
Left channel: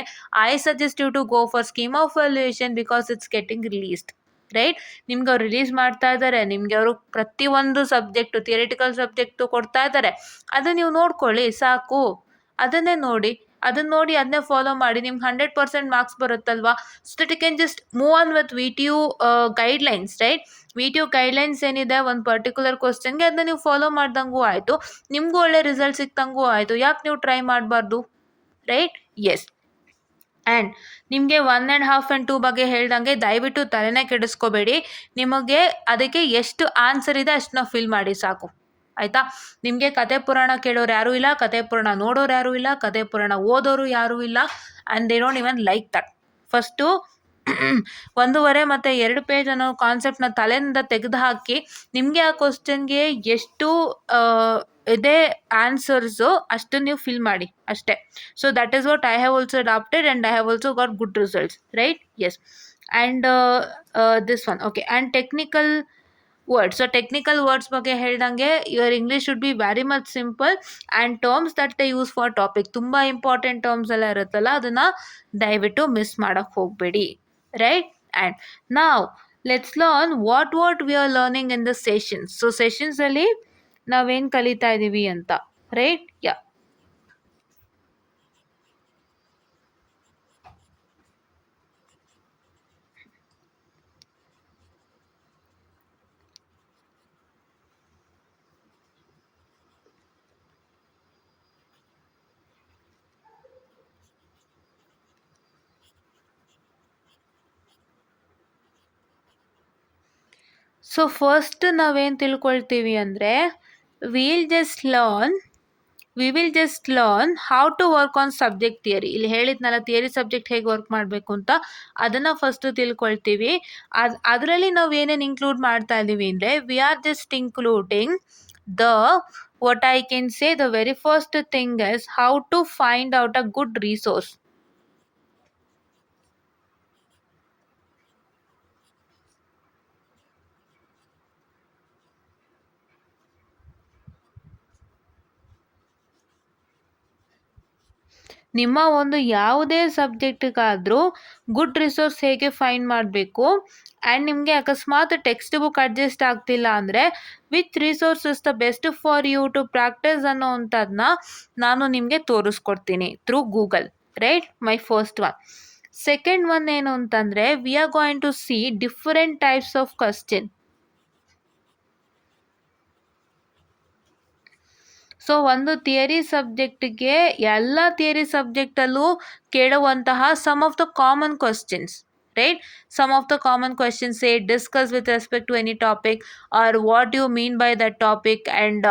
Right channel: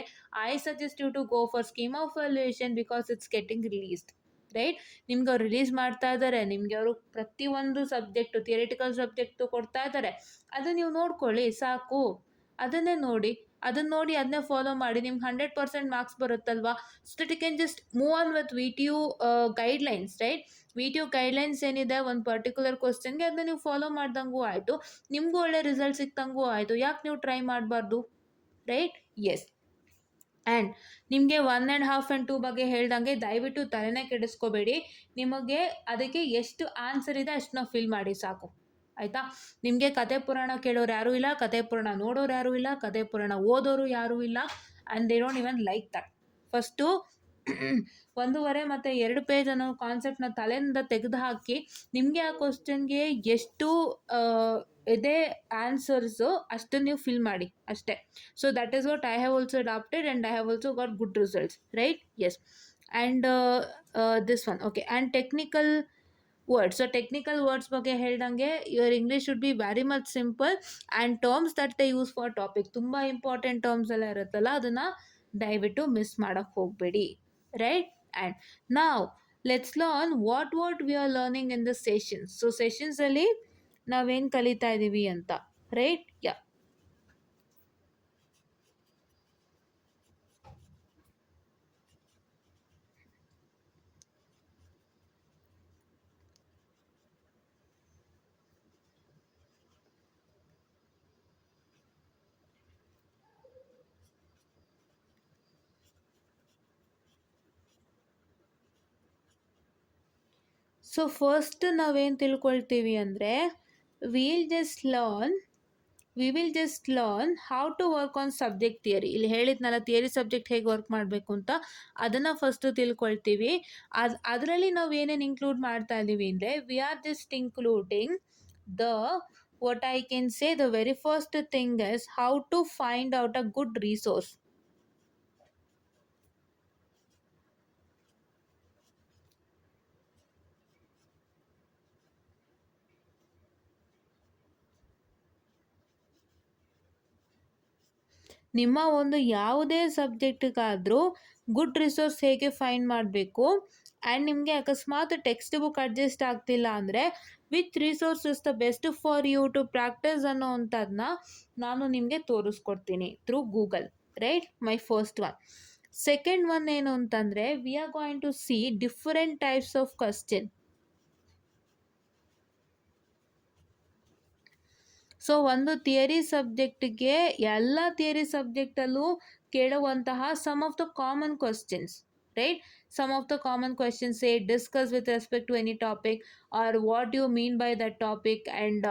I suggest you to go for scheme of valuation because it's getting released. Right. ನಿಮ್ಗೆ ಅವ್ರು ರಿಲೀಸ್ ಮಾಡ್ತಾ ಇದ್ದಾರೆ, ನಿಮಗೆ ಅವರು ಪ್ರತಿಯೊಂದು ಸಬ್ಜೆಕ್ಟು ಥಿಯರಿಟಿಕಲ್ ಸಬ್ಜೆಕ್ಟು ಕೊಡ್ತಾ ಇದ್ದಾರೆ. ಅದನ್ನು ನೀವು ನೋಡ್ಕೊಳ್ಳಿ ಸಾಕು. ಅದನ್ನೇ ನೋಡಿ, ಅದನ್ನೇ ಫಾಲೋ ಮಾಡಿ, ನಿಮ್ಗೆ 100% ಮಾರ್ಕ್ಸ್ ಬರುತ್ತಲ್ವಾ. So that you can just move on with VTU guidelines. Right. VTU guidelines ಏನಿದೆ ಒಂದು ಪರ್ಟಿಕ್ಯುಲರ್ ಕ್ವಶನ್ಗೆ, ಅದನ್ನ ನೀವು ಫಾಲೋ ಮಾಡ್ದಂಗೂ ಆಯಿತು, ನಿಮಗೂ ಒಳ್ಳೆ ರಿಸಲ್ಟ್ ಸಿಕ್ತಂಗೂ ಆಯಿತು. ಯಾಕೆ ನೀವು ಟ್ರೈ ಮಾಡಬಾರ್ದು. ರೈಟ್. ಎಸ್. ಆ್ಯಂಡ್ ನಿಮಗೆ 1 1/2 and 2 ಬಗ್ಗೆ ಹೇಳ್ದಂಗೆ ದಯವಿಟ್ಟು ತಲೆನೇ ಕೆಡಿಸ್ಕೋಬೇಡಿ. ನಿಮಗೆ ಅದಕ್ಕೆ ಎಷ್ಟು ಆನ್ಸರ್ ಇದೆ ಅಷ್ಟನ್ನ ಫಿಲ್ ಮಾಡಿ ಸಾಕು. ಆಯಿತಾ. ನಿಮಗೆ ಕತೆ ಪುರಾಣ ಕೇಳೋರು ಯಾರೂ ಇಲ್ಲ, ಕತೆ ಪುರಾಣ ನೋಡೋರು ಯಾರೂ ಇಲ್ಲ, ಕತೆ ಪುರಾಣ ಓದೋರು ಯಾರೂ ಇಲ್ಲ. And they don't even like that. First 1.5 ಮತ್ತು 2 ಪೇಜ್ ಅನ್ನೋ ಕಾನ್ಸೆಪ್ಟನ್ನ ತಲೆಯಿಂದ ತೆಗೆದು ಹಾಕಿ, ನಿಮಗೆ ಆ ಕ್ವಶನ್ಗೆ ಎಷ್ಟು ಇದೇ ಆನ್ಸರ್ಸು ಅಷ್ಟು ನೀವು ಫಿಲ್ ಮಾಡಿ ಅಷ್ಟೇ. So that is what I have also adapted and I have also got good results. Right. Yes. And this one okay. And technical words. So technical words ಬಗ್ಗೆ ಹೇಳ್ದಂಗೆ your English should be very much simple. And terms that they use for topic, ತುಂಬ important terms ಎಲ್ಲ ಇರುತ್ತಲ್ಲ, ಅದನ್ನು ದಯವಿಟ್ಟು miss ಮಾಡೋಕ್ಕೆ ಹೋಗಬೇಡಿ. Right. And ನಾವ್ let's learn what we are learning in the sessions. So ಸೆಷನ್ಸಲ್ಲಿ ನಾವೇನು ಕಲಿತಾ ಇದ್ದೀವಿ ಅಂತ. ರೈಟ್. ಯಾ. ಸೊ ಫಸ್ಟ್ ನಾವೇನು ತಿಳ್ಕೊಳ್ತೀವಿ ಅಂದರೆ will just learn we will just learn how to work on subject theory. ಇಲ್ಲಿ ಹೇಳಿದ್ನಲ್ಲ ಥಿಯರಿ ಸಬ್ಜೆಕ್ಟ್ ಹೇಗೆ ವರ್ಕ್ ಮಾಡಬೇಕು ಅಂತ, ಅದನ್ನು ಫಸ್ಟು ತಿಳ್ಕೊಳ್ತೀವಿ. ಅದರಲ್ಲಿ ನಾವು ಏನೇನು ಇನ್ಕ್ಲೂಡ್ ಮಾಡ್ತಾ ಇದ್ದೀವಿ ಅಂದರೆ we are just including the what I can say the very first thing is how to find out a good resource. ನಿಮ್ಮ ಒಂದು ಯಾವುದೇ ಸಬ್ಜೆಕ್ಟಿಗಾದರೂ ಗುಡ್ ರಿಸೋರ್ಸ್ ಹೇಗೆ ಫೈಂಡ್ ಮಾಡಬೇಕು, ಆ್ಯಂಡ್ ನಿಮಗೆ ಅಕಸ್ಮಾತ್ ಟೆಕ್ಸ್ಟ್ ಬುಕ್ ಅಡ್ಜಸ್ಟ್ ಆಗ್ತಿಲ್ಲ ಅಂದರೆ which resource is the best for you to practise ಅನ್ನೋವಂಥದ್ದನ್ನ ನಾನು ನಿಮಗೆ ತೋರಿಸ್ಕೊಡ್ತೀನಿ through Google, right? My first one. Second one ಏನು ಅಂತಂದರೆ we are going to see different types of question. So ಒಂದು ಥಿಯರಿ ಸಬ್ಜೆಕ್ಟ್ಗೆ ಎಲ್ಲ ಥಿಯರಿ ಸಬ್ಜೆಕ್ಟಲ್ಲೂ ಕೇಳುವಂತಹ some of the common questions, right? Some of the common questions say discuss with respect to any topic or what you mean by that topic, and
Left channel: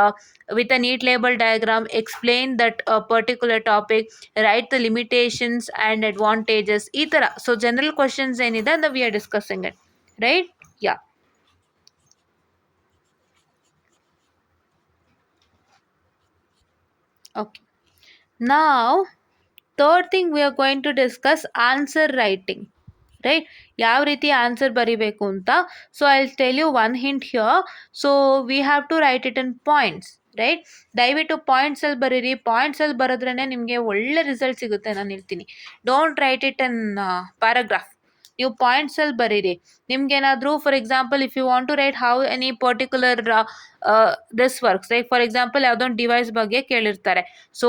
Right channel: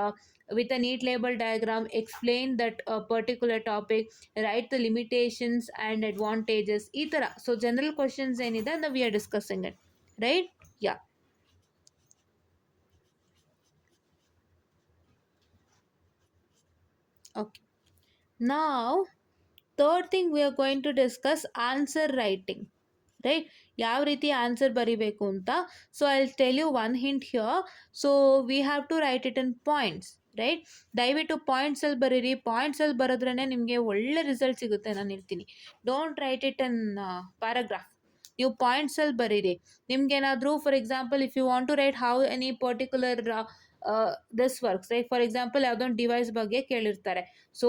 with a neat label diagram explain that particular topic, write the limitations and advantages, ಈ ಥರ. So general questions ಏನಿದೆ that we are discussing it, right? Yeah. Okay. Now, third thing we are going to discuss answer writing, right? ಯಾವ ರೀತಿ answer ಬರಿಬೇಕು ಅಂತ. So I will tell you one hint here. So we have to write it in points, right? ದಯವಿಟ್ಟು ಪಾಯಿಂಟ್ಸಲ್ಲಿ ಬರೀರಿ. ಪಾಯಿಂಟ್ಸಲ್ಲಿ ಬರೆದ್ರೇ ನಿಮಗೆ ಒಳ್ಳೆ result ಸಿಗುತ್ತೆ, ನಾನು ಹೇಳ್ತೀನಿ. Don't write it in paragraph. ನೀವು ಪಾಯಿಂಟ್ಸಲ್ಲಿ ಬರೀರಿ. ನಿಮ್ಗೇನಾದರೂ for example if you want to write how any particular this works, like for example ಯಾವುದೋ ಒಂದು ಡಿವೈಸ್ ಬಗ್ಗೆ ಕೇಳಿರ್ತಾರೆ. So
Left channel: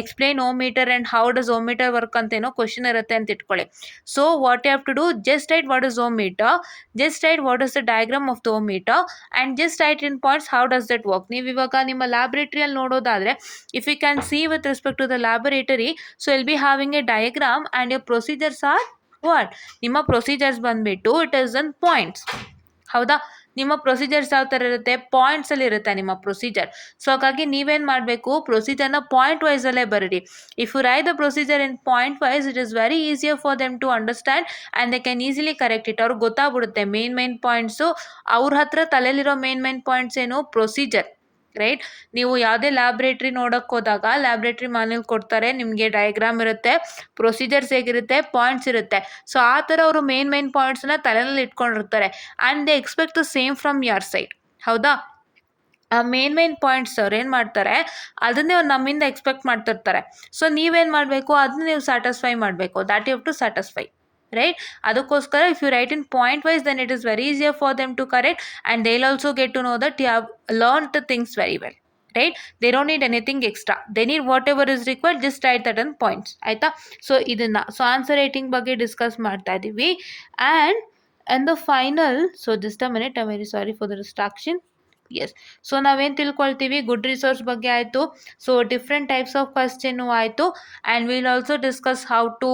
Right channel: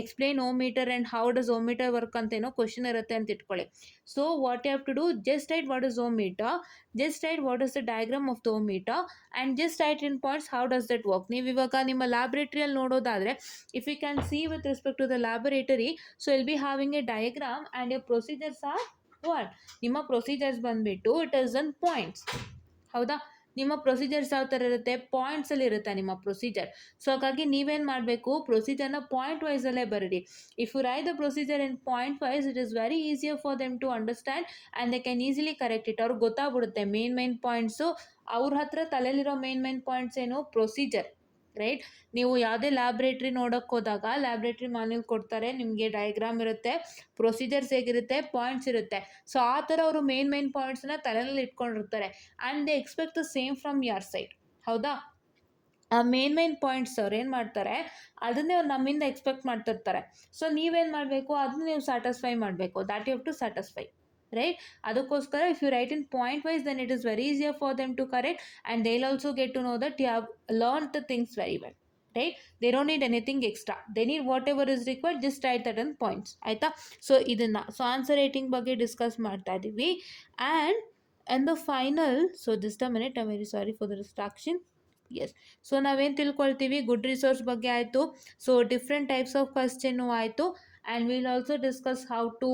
explain ohmmeter and how does ohmmeter work ಅಂತೇನೋ ಕ್ವಶನ್ ಇರುತ್ತೆ ಅಂತ ಇಟ್ಕೊಳ್ಳಿ. So what you have to do, just write what is ohmmeter, just write what is the diagram of the ohmmeter, and just write in points how does that work. ನೀವು ಇವಾಗ ನಿಮ್ಮ ಲ್ಯಾಬ್ರೇಟರಿಯಲ್ಲಿ ನೋಡೋದಾದರೆ if you can see with respect to the laboratory, so will be having a diagram and your procedures are what? ನಿಮ್ಮ procedures ಬಂದುಬಿಟ್ಟು it is in points, ಹೌದಾ? ನಿಮ್ಮ procedures ಯಾವ ಥರ ಇರುತ್ತೆ? ಪಾಯಿಂಟ್ಸಲ್ಲಿ ಇರುತ್ತೆ ನಿಮ್ಮ ಪ್ರೊಸೀಜರ್. ಸೊ ಹಾಗಾಗಿ ನೀವೇನು ಮಾಡಬೇಕು, ಪ್ರೊಸೀಜರ್ನ ಪಾಯಿಂಟ್ ವೈಸಲ್ಲೇ ಬರೀರಿ. If you write the procedure in point wise, it is very easier for them to understand and they can easily correct it. ಅವ್ರಿಗೆ ಗೊತ್ತಾಗ್ಬಿಡುತ್ತೆ ಮೇನ್ ಪಾಯಿಂಟ್ಸು. ಅವ್ರ ಹತ್ರ ತಲೆಯಲ್ಲಿರೋ ಮೇನ್ ಪಾಯಿಂಟ್ಸ್ ಏನು? Procedure, right? ನೀವು ಯಾವುದೇ ಲ್ಯಾಬ್ರೇಟ್ರಿ ನೋಡೋಕ್ಕೆ ಹೋದಾಗ ಲ್ಯಾಬ್ರೇಟ್ರಿ ಮಾನ್ಯಲ್ ಕೊಡ್ತಾರೆ, ನಿಮಗೆ ಡಯಾಗ್ರಾಮ್ ಇರುತ್ತೆ, ಪ್ರೊಸೀಜರ್ಸ್ ಹೇಗಿರುತ್ತೆ, ಪಾಯಿಂಟ್ಸ್ ಇರುತ್ತೆ. ಸೊ ಆ ಥರ ಅವರು ಮೇನ್ ಪಾಯಿಂಟ್ಸನ್ನ ತಲೆಯಲ್ಲಿ ಇಟ್ಕೊಂಡಿರ್ತಾರೆ and they expect the same from your side, ಹೌದಾ? ಆ ಮೇನ್ ಪಾಯಿಂಟ್ಸ್ ಅವ್ರು ಏನು ಮಾಡ್ತಾರೆ, ಅದನ್ನೇ ಅವ್ರು ನಮ್ಮಿಂದ ಎಕ್ಸ್ಪೆಕ್ಟ್ ಮಾಡ್ತಿರ್ತಾರೆ. ಸೊ ನೀವೇನು ಮಾಡಬೇಕು, ಅದನ್ನ ನೀವು ಸ್ಯಾಟಿಸ್ಫೈ ಮಾಡಬೇಕು. That you have to satisfy, right? ಅದಕ್ಕೋಸ್ಕರ if you write in point wise, then it is very easier for them to correct and they will also get to know that you have learn the things very well, right? They don't need anything extra, they need whatever is required, just write that in points, ಆಯಿತಾ? So ಇದನ್ನು, so answer writing ಬಗ್ಗೆ discuss ಮಾಡ್ತಾ ಇದ್ದೀವಿ. And the final, so just a minute, I very sorry for the distraction. Yes, so ನಾವೇನು ತಿಳ್ಕೊಳ್ತೀವಿ, good resource ಬಗ್ಗೆ ಆಯಿತು, so different types of question ಆಯಿತು, and will also discuss how to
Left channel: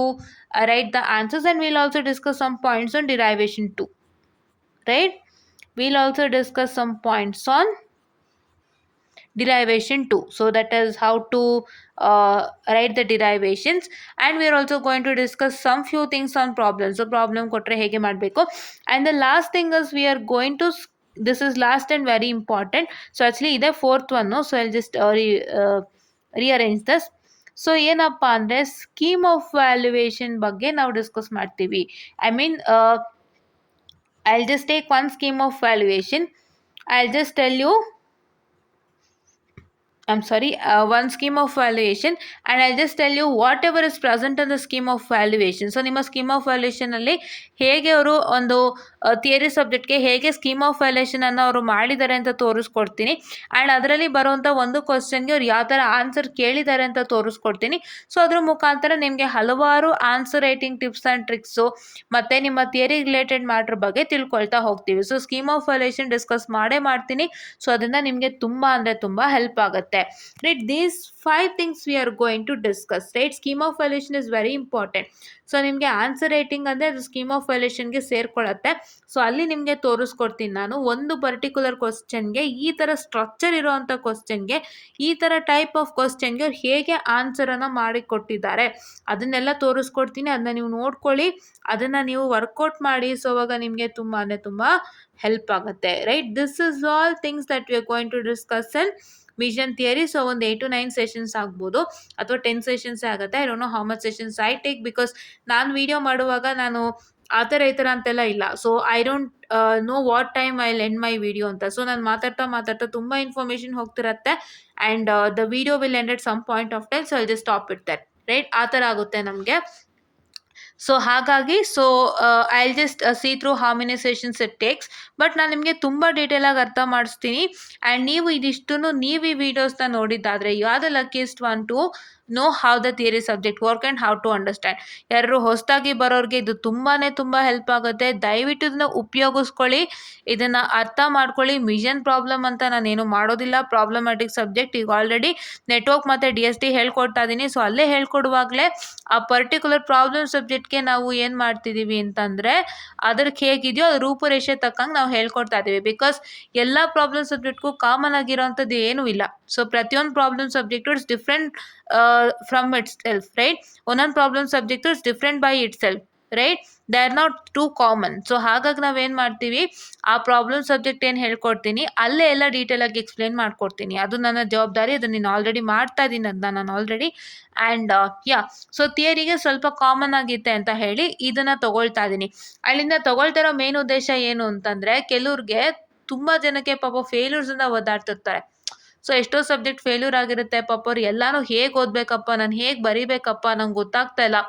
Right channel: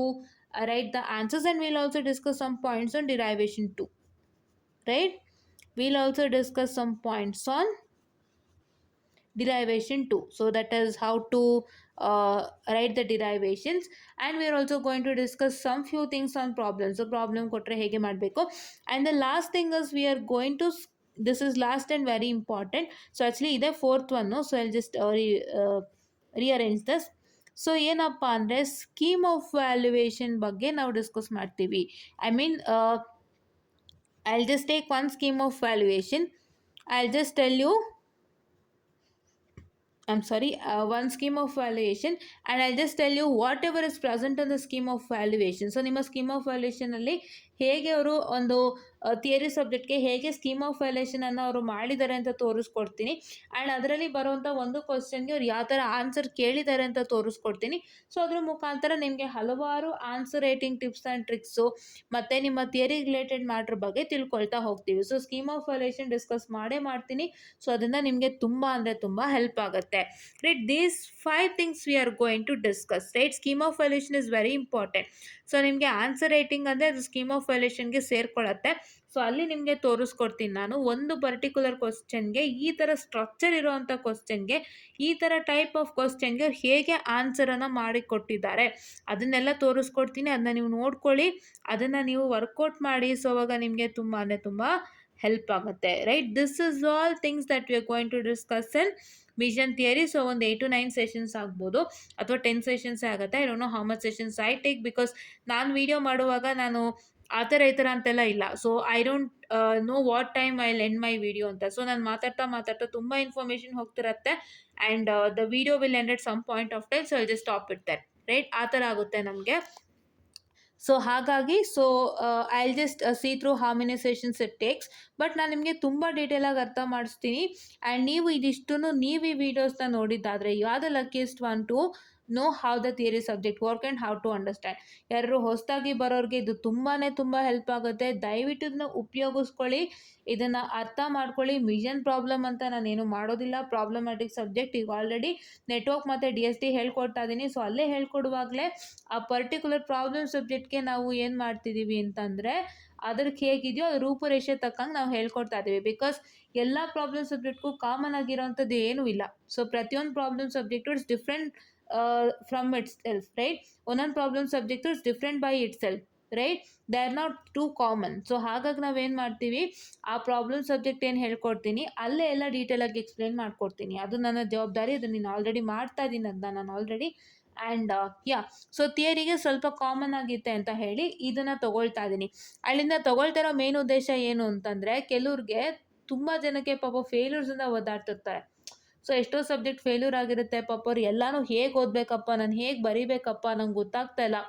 write the answers, and we'll also discuss some points on derivation too, right? We'll also discuss some points on derivation too, so that is how to write the derivations, and we are also going to discuss some few things on problems. So problem kotre hege ಮಾಡಬೇಕು, and the last thing is we are going to, this is last and very important, so actually ide fourth one, no? So I'll just rearrange this. So ಏನಪ್ಪ ಅಂದರೆ scheme of valuation ಬಗ್ಗೆ ನಾವು discuss ಮಾಡ್ತೀವಿ. I mean I will just take one scheme of valuation. I will just tell you, I'm sorry, one scheme of valuation, and I'll just tell you whatever is present in the scheme of valuation. So ನಿಮ್ಮ scheme of ವ್ಯಾಲ್ಯೂಯೇಷನಲ್ಲಿ ಹೇಗೆ ಅವರು ಒಂದು theory ಸಬ್ಜೆಕ್ಟ್ಗೆ ಹೇಗೆ scheme of ವ್ಯಾಲ್ಯೂಯೇಷನನ್ನು ಅವರು ಮಾಡಿದ್ದಾರೆ ಅಂತ ತೋರಿಸ್ಕೊಡ್ತೀನಿ, and ಅದರಲ್ಲಿ ಬರುವಂಥ ಒಂದು ಕ್ವಶನ್ಗೆ ಅವ್ರು ಯಾವ ಥರ ಆನ್ಸರ್ ಕೇಳಿದ್ದಾರೆ ಅಂತ ತೋರಿಸ್ಕೊಡ್ತೀನಿ. ಸೊ ಅದ್ರ ಮುಖಾಂತರ ನಿಮಗೆ ಹಲವಾರು answer writing tips and tricks ಮತ್ತು ನಿಮ್ಮ ಥಿಯರಿ ರಿಲೇಟೆಡ್ ಮ್ಯಾಟ್ರ್ ಬಗ್ಗೆ ತಿಳ್ಕೊಳ್ತಾ ಹೋಗ್ತೀವಿ. So scheme of valuation discuss ಮಾಡೇ ಮಾಡ್ತೀನಿ. ಸೊ ಅದನ್ನು ನಿಮಗೆ ತುಂಬ ಅಂದರೆ ತುಂಬ ಹೆಲ್ಪ್ ಆಗುತ್ತೆ. ಆಗುತ್ತೆ. Right, these 5 things we are going to discuss. Right, scheme of valuation is very important. So ನಿಮಗೆ ಆನ್ಸರ್ ರೈಟಿಂಗ್ ಅಂದರೆ ಅದು ಸ್ಕೀಮ್ ಆಫ್ ವ್ಯಾಲ್ಯೂಯೇಷನ್ಗೆ ಸೇರ್ಕೊಳ್ಳುತ್ತೆ. ಸೊ ಅಲ್ಲಿ ನಿಮಗೆ ತೋರಿಸ್ಕೊಡ್ತೀನಿ ನಾನು ಒಂದು ಪರ್ಟಿಕ್ಯುಲರ್ ಕ್ವಶನ್ಗೆ ಈ ಥರ ಸ್ಟ್ರಕ್ಚರ್ ಇರೋವಂಥ ಕ್ವಶನ್ಗೆ ಈ ಥರ ಟೈಪ್ ಆಫ್ ಕ್ವಶನ್ಗೆ ಅವ್ರು ಹೇಗೆ ಆನ್ಸರನ್ನು ಮಾಡಿ ಕೊಟ್ಟಿದ್ದಾರೆ ಅದನ್ನೆಲ್ಲ ತೋರಿಸ್ಕೊಡ್ತೀನಿ. ಅದನ್ನ ನೀವು ನೋಡ್ಕೊಳ್ಳಿ, ಅದನ್ನು ನೀವು ವರ್ಕೌಟ್ ಮಾಡಿ. ಸೊ ಅವಾಗ ನಿಮಗೆ ತುಂಬ ತುಂಬ ಹೆಲ್ಪ್ ಆಗುತ್ತೆ. Right, this is all things that we are going to discuss in vision theory. So ಒಂದು 8 to 9 ಸೆಷನ್ಸ್ ಆಗ್ಬೋದು ಅಥವಾ 10 ಸೆಷನ್ಸೇ ಆಗುತ್ತೆ. I don't know how much sessions I take, because ನಾನು ವಿಡಿಯೋ ಮಾಡುವಾಗ ನಾನು ಆ ಥರ ಈ ಥರ ಅಂತೆಲ್ಲ ಇಲ್ಲ. So I don't know what time I end my video ಅಂತ. ಸೊ ನಾನು ಮಾತಾಡ್ತಾ ತುಂಬ ಇನ್ಫಾರ್ಮೇಷನ್ ಹೋಗ್ತಿರತ್ತೆ and the video will end at some point of time. So I just stop it that. Right, ಆ ಥರ ಆಗುತ್ತೆ ನಮಗೆ. ಸೊ ಹಾಗಾಗಿ I will just see through how many sessions it takes. But ನಾನು ನಿಮಗೆ ತುಂಬ ಡೀಟೇಲಾಗಿ ಅರ್ಥ ಮಾಡಿಸ್ತೀನಿ. ಆ್ಯಂಡ್ ನೀವು ನೀವು ಈ ವಿಡಿಯೋಸ್ನ ನೋಡಿದ್ದಾದರೆ you are the luckiest one to know how the theory subject work and how to understand. ಯಾರು ಹೊಸದಾಗಿ ಬರೋರಿಗೆ ಇದು ತುಂಬ ಹೆಲ್ಪ್ ಆಗುತ್ತೆ. ದಯವಿಟ್ಟು ಇದನ್ನು ಉಪಯೋಗಿಸ್ಕೊಳ್ಳಿ, ಇದನ್ನು ಅರ್ಥ ಮಾಡ್ಕೊಳ್ಳಿ. ಮಿಷನ್ ಪ್ರಾಬ್ಲಮ್ ಅಂತ ನಾನೇನು ಮಾಡೋದಿಲ್ಲ. ಪ್ರಾಬ್ಲಮ್ಯಾಟಿಕ್ ಸಬ್ಜೆಕ್ಟ್ ಈಗ ಆಲ್ರೆಡಿ ನೆಟ್ವರ್ಕ್ ಮತ್ತು DST ಹೇಳ್ಕೊಡ್ತಾ ಇದ್ದೀನಿ. ಸೊ ಅಲ್ಲೇ ಹೇಳ್ಕೊಡುವಾಗಲೇ ಆ ಪರ್ಟಿಕ್ಯುಲರ್ ಪ್ರಾಬ್ಲಮ್ ಸಬ್ಜೆಕ್ಟ್ಗೆ ನಾವು ಏನು ಮಾಡ್ತಿದ್ದೀವಿ ಅಂತಂದರೆ ಅದಕ್ಕೆ ಹೇಗಿದೆಯೋ ಅದು ರೂಪುರೇಷೆ ತಕ್ಕಂಗೆ ನಾವು ಹೇಳ್ಕೊಡ್ತಾ ಇದ್ದೀವಿ. ಬಿಕಾಸ್ ಎಲ್ಲ ಪ್ರಾಬ್ಲಮ್ ಸಬ್ಜೆಕ್ಟ್ಗೂ ಕಾಮನ್ ಆಗಿರೋವಂಥದ್ದು ಏನೂ ಇಲ್ಲ. ಸೊ ಪ್ರತಿಯೊಂದು problem subject it's different from its self. Right, ಒಂದೊಂದು problem subject it's different by itself. Right, they are not too common. So ಹಾಗಾಗಿ ನಾವೇನು ಮಾಡ್ತೀವಿ, ಆ ಪ್ರಾಬ್ಲಮ್ ಸಬ್ಜೆಕ್ಟ್ ಏನು ಹೇಳ್ಕೊಡ್ತೀನಿ ಅಲ್ಲೇ ಎಲ್ಲ ಡೀಟೇಲಾಗಿ ಎಕ್ಸ್ಪ್ಲೇನ್ ಮಾಡ್ಕೊಡ್ತೀನಿ. ಅದು ನನ್ನ ಜವಾಬ್ದಾರಿ. ಅದನ್ನು ನಾನು ಆಲ್ರೆಡಿ ಮಾಡ್ತಾ ಇದ್ದೀನಿ, ಅದನ್ನ ನಾನು ಆಲ್ರೆಡಿ. ಆ್ಯಂಡ್ ಸೊ ಥಿಯರಿಗೆ ಸ್ವಲ್ಪ ಕಾಮನ್ ಆಗಿತ್ತೆ ಅಂತ ಹೇಳಿ ಇದನ್ನು ತೊಗೊಳ್ತಾ ಇದ್ದೀನಿ. ಅಲ್ಲಿಂದ ತೊಗೊಳ್ತಾ ಇರೋ ಮೇನ್ ಉದ್ದೇಶ ಏನು ಅಂತಂದರೆ, ಕೆಲವ್ರಿಗೆ ತುಂಬ ಜನಕ್ಕೆ ಪಾಪ ಫೇಲ್ಯೂರ್ಸಿಂದ ಒದ್ದಾಡ್ತಿರ್ತಾರೆ. ಸೊ ಎಷ್ಟೋ ಸಬ್ಜೆಕ್ಟ್ ಫೇಲ್ಯೂರ್ ಆಗಿರುತ್ತೆ ಪಾಪ. ಅವ್ರು ಎಲ್ಲನೂ ಹೇಗೆ ಓದಬೇಕಪ್ಪ, ನಾನು ಹೇಗೆ ಬರೀಬೇಕಪ್ಪ, ನಂಗೆ ಗೊತ್ತಾಗ್ತಾ ಇಲ್ಲ,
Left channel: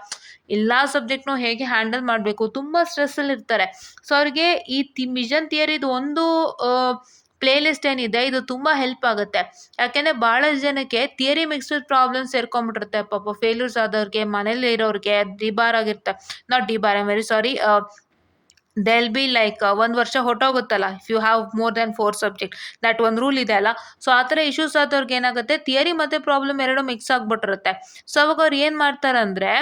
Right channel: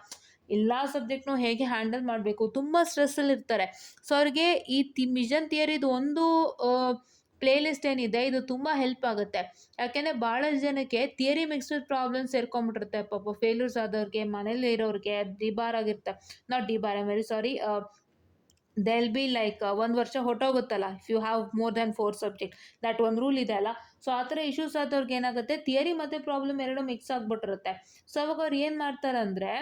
ಎಲ್ಲ ಸಬ್ಜೆಕ್ಟ್ನೂ ಹೇಗೆ ಹ್ಯಾಂಡಲ್ ಮಾಡಬೇಕು, ತುಂಬ ಸ್ಟ್ರೆಸ್ಸಲ್ಲಿ ಇರ್ತಾರೆ. ಸೊ ಅವ್ರಿಗೆ ಈ ಮಿಷನ್ ಥಿಯರಿದು ಒಂದು ಪ್ಲೇ ಲಿಸ್ಟ್ ಏನಿದೆ ಇದು ತುಂಬ ಹೆಲ್ಪ್ ಆಗುತ್ತೆ. ಯಾಕೆಂದರೆ ಭಾಳಷ್ಟು ಜನಕ್ಕೆ ಥಿಯರಿ ಮಿಕ್ಸ್ಡ್ ಪ್ರಾಬ್ಲಮ್ಸ್ ಸೇರ್ಕೊಂಡ್ಬಿಟ್ಟಿರುತ್ತೆ ಪಾಪ. ಫೇಲ್ಯೂರ್ಸ್ ಆದವ್ರಿಗೆ, ಮನೇಲಿ ಇರೋರಿಗೆ, ಡಿಬಾರ್ ಆಗಿರ್ತಾರೆ, not debar, I am very sorry, they'll be like 1 ವರ್ಷ ಹೊಟ್ಟೋಗುತ್ತಲ್ಲ if you have more than 4 subject, that ಒಂದು ರೂಲ್ ಇದೆ ಅಲ್ಲ. ಸೊ ಆ ಥರ ಇಶ್ಯೂಸ್ ಆದವ್ರಿಗೆ ಏನಾಗುತ್ತೆ, ಥಿಯರಿ ಮತ್ತು ಪ್ರಾಬ್ಲಮ್ ಎರಡೂ ಮಿಕ್ಸ್ ಆಗಿಬಿಟ್ಟಿರುತ್ತೆ. ಸೊ ಅವಾಗ ಅವ್ರು ಏನು ಮಾಡ್ತಾರಂದರೆ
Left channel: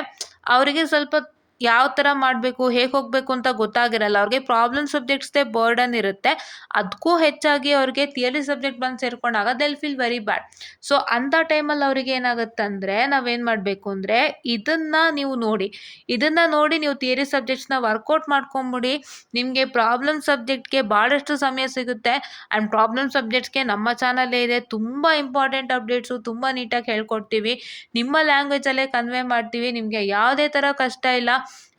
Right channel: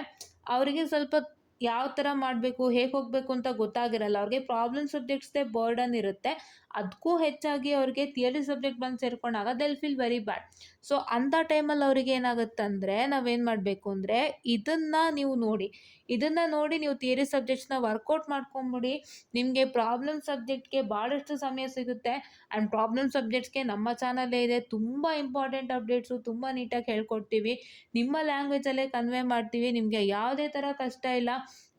ಅವರಿಗೆ ಸ್ವಲ್ಪ ಯಾವ ಥರ ಮಾಡಬೇಕು, ಹೇಗೆ ಹೋಗಬೇಕು ಅಂತ ಗೊತ್ತಾಗಿರಲ್ಲ. ಅವ್ರಿಗೆ ಪ್ರಾಬ್ಲಮ್ ಸಬ್ಜೆಕ್ಟ್ಸ್ದೇ ಬರ್ಡನ್ ಇರುತ್ತೆ. ಅದಕ್ಕೂ ಹೆಚ್ಚಾಗಿ ಅವ್ರಿಗೆ ಥಿಯರಿ ಸಬ್ಜೆಕ್ಟ್ ಬಂದು ಸೇರ್ಕೊಂಡಾಗ they'll feel very bad. So ಅಂಥ ಟೈಮಲ್ಲಿ ಅವ್ರಿಗೆ ಏನಾಗುತ್ತಂದರೆ ನಾವೇನು ಮಾಡಬೇಕು ಅಂದರೆ ಇದನ್ನು ನೋಡಿ ನೀವು ಥಿಯರಿ ಸಬ್ಜೆಕ್ಟ್ಸ್ನ ವರ್ಕೌಟ್ ಮಾಡ್ಕೊಂಬಿಡಿ. ನಿಮಗೆ ಪ್ರಾಬ್ಲಮ್ ಸಬ್ಜೆಕ್ಟ್ಗೆ ಭಾಳಷ್ಟು ಸಮಯ ಸಿಗುತ್ತೆ. ಆ್ಯಂಡ್ ಪ್ರಾಬ್ಲಮ್ ಸಬ್ಜೆಕ್ಟ್ಸ್ಗೆ ನಮ್ಮ ಚಾನಲ್ಲೇ ಇದೆ ತುಂಬ ಇಂಪಾರ್ಟೆಂಟ್ ಅಪ್ಡೇಟ್ಸು, ತುಂಬ ನೀಟಾಗಿ ಹೇಳ್ಕೊಡ್ತೀವಿ. ನಿಮ್ಮ ಲ್ಯಾಂಗ್ವೇಜಲ್ಲೇ ಕನ್ವೆ ಮಾಡ್ತೀವಿ. ನಿಮಗೆ ಯಾವುದೇ ಥರ ಕಷ್ಟ ಇಲ್ಲ.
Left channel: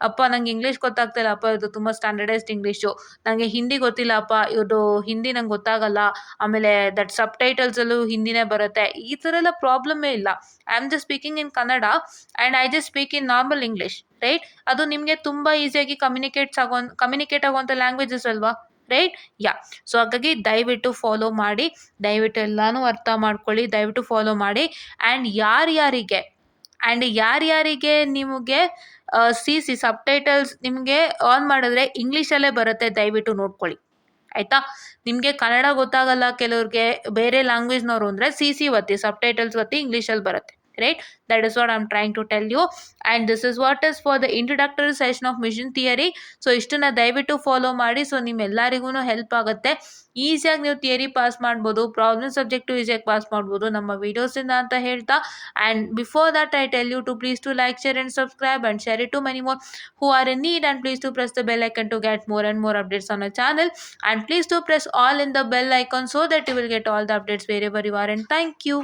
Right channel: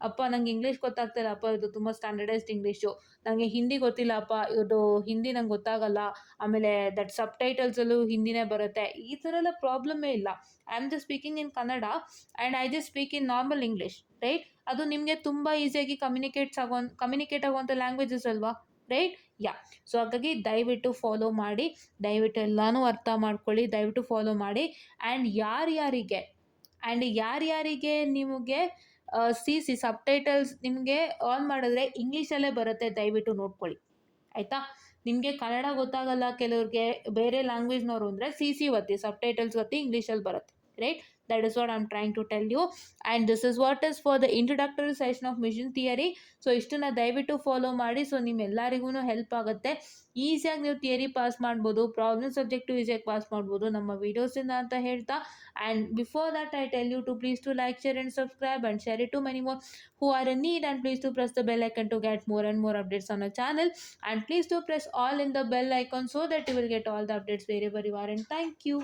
ಅಪ್ಪ ನಂಗೆ ಇಂಗ್ಲೀಷ್ ಗೊತ್ತಾಗ್ತಿಲ್ಲ ಅಪ್ಪ, ಇದು ತುಂಬ ಸ್ಟ್ಯಾಂಡರ್ಡೈಸ್ಡ್ ಇಂಗ್ಲೀಷು, ನನಗೆ ಹಿಂದಿ ಗೊತ್ತಿಲ್ಲ ಅಪ್ಪ, ಇದು ಹಿಂದಿ ನಂಗೆ ಗೊತ್ತಾಗಲ್ಲ, ಆಮೇಲೆ ದಟ್ ಸಬ್ ಟೈಟಲ್ಸಲ್ಲೂ ಹಿಂದಿನೇ ಬರುತ್ತೆ, ಈ ಥರ ಎಲ್ಲ ಪ್ರಾಬ್ಲಮ್ಮೇ ಇಲ್ಲ. I am just speaking in Kannada and I just speak in normal English. Right, ಅದು ನಿಮಗೆ ತುಂಬ ಈಸಿಯಾಗಿ ಕಮ್ಯುನಿಕೇಟ್ ಆಗುವಂಥ ಲ್ಯಾಂಗ್ವೇಜಸ್ ಅಲ್ವಾ. ರೈಟ್, ಸೊ ಹಾಗಾಗಿ ದಯವಿಟ್ಟು ಫಾಲೋ ಮಾಡಿ, ದಯವಿಟ್ಟು ಎಲ್ಲನೂ ಅರ್ಥ ಮಾಡ್ಕೊಳ್ಳಿ, ದಯವಿಟ್ಟು ಫಾಲೋ ಮಾಡಿ. ಆ್ಯಂಡ್ ಯಾರ್ಯಾರಿಗೆ ನಿಮಗೆ ಸಬ್ ಟೈಟಲ್ಸ್ ನಿಮಗೆ ಆನ್ ಮಾಡಿದ್ರೆ ಇಂಗ್ಲೀಷಲ್ಲೇ ಬರುತ್ತೆ, ದಯವಿಟ್ಟು ನೋಡ್ಕೊಳ್ಳಿ ಆಯಿತಾ. ನಿಮಗೆ ಕನ್ನಡ ಗೊತ್ತಾಗಲ್ಲ ಕೆಲವ್ರಿಗೆ, ಬೇರೆ ಲ್ಯಾಂಗ್ವೇಜ್ನವರು ಅಂದರೆ ಒತ್ತಿ, ಸಬ್ ಟೈಟಲ್ಸ್ ಒತ್ತಿ, ಇಂಗ್ಲೀಷಲ್ಲಿ ಬರುತ್ತೆ. Right, that is what I'm trying to tell you, and this is what is for the introductory session of mission theory. So ಇಷ್ಟನ್ನ ದಯವಿಟ್ಟು ಫಾಲೋ ಮಾಡಿ. ಸೊ ನಿಮ್ಮೆಲ್ಲರಿಗೂ ಹೆಲ್ಪ್ ಆಗುತ್ತೆ. ಈಸಿಯಾಗಿ ನೀವು ಥಿಯರಿ ಪಾಸ್ ಮಾಡ್ಬೋದು, ಪ್ರಾಬ್ಲಮ್ ಸಬ್ಜೆಕ್ಟು ಈಸಿಯಾಗಿ ಪಾಸ್ ಮಾಡ್ಬೋದು ನಮ್ಮ ವೀಡಿಯೋಸಿಂದ ಅಂತ ಹೇಳ್ತಾ. And before that I tell you to please to like, share and subscribe and share it to many more who are in need, and please to press the bell icon to get more and more updates on our channel, and please to press all in the bell icon so that you will get all the updates wherever you are, and thank you.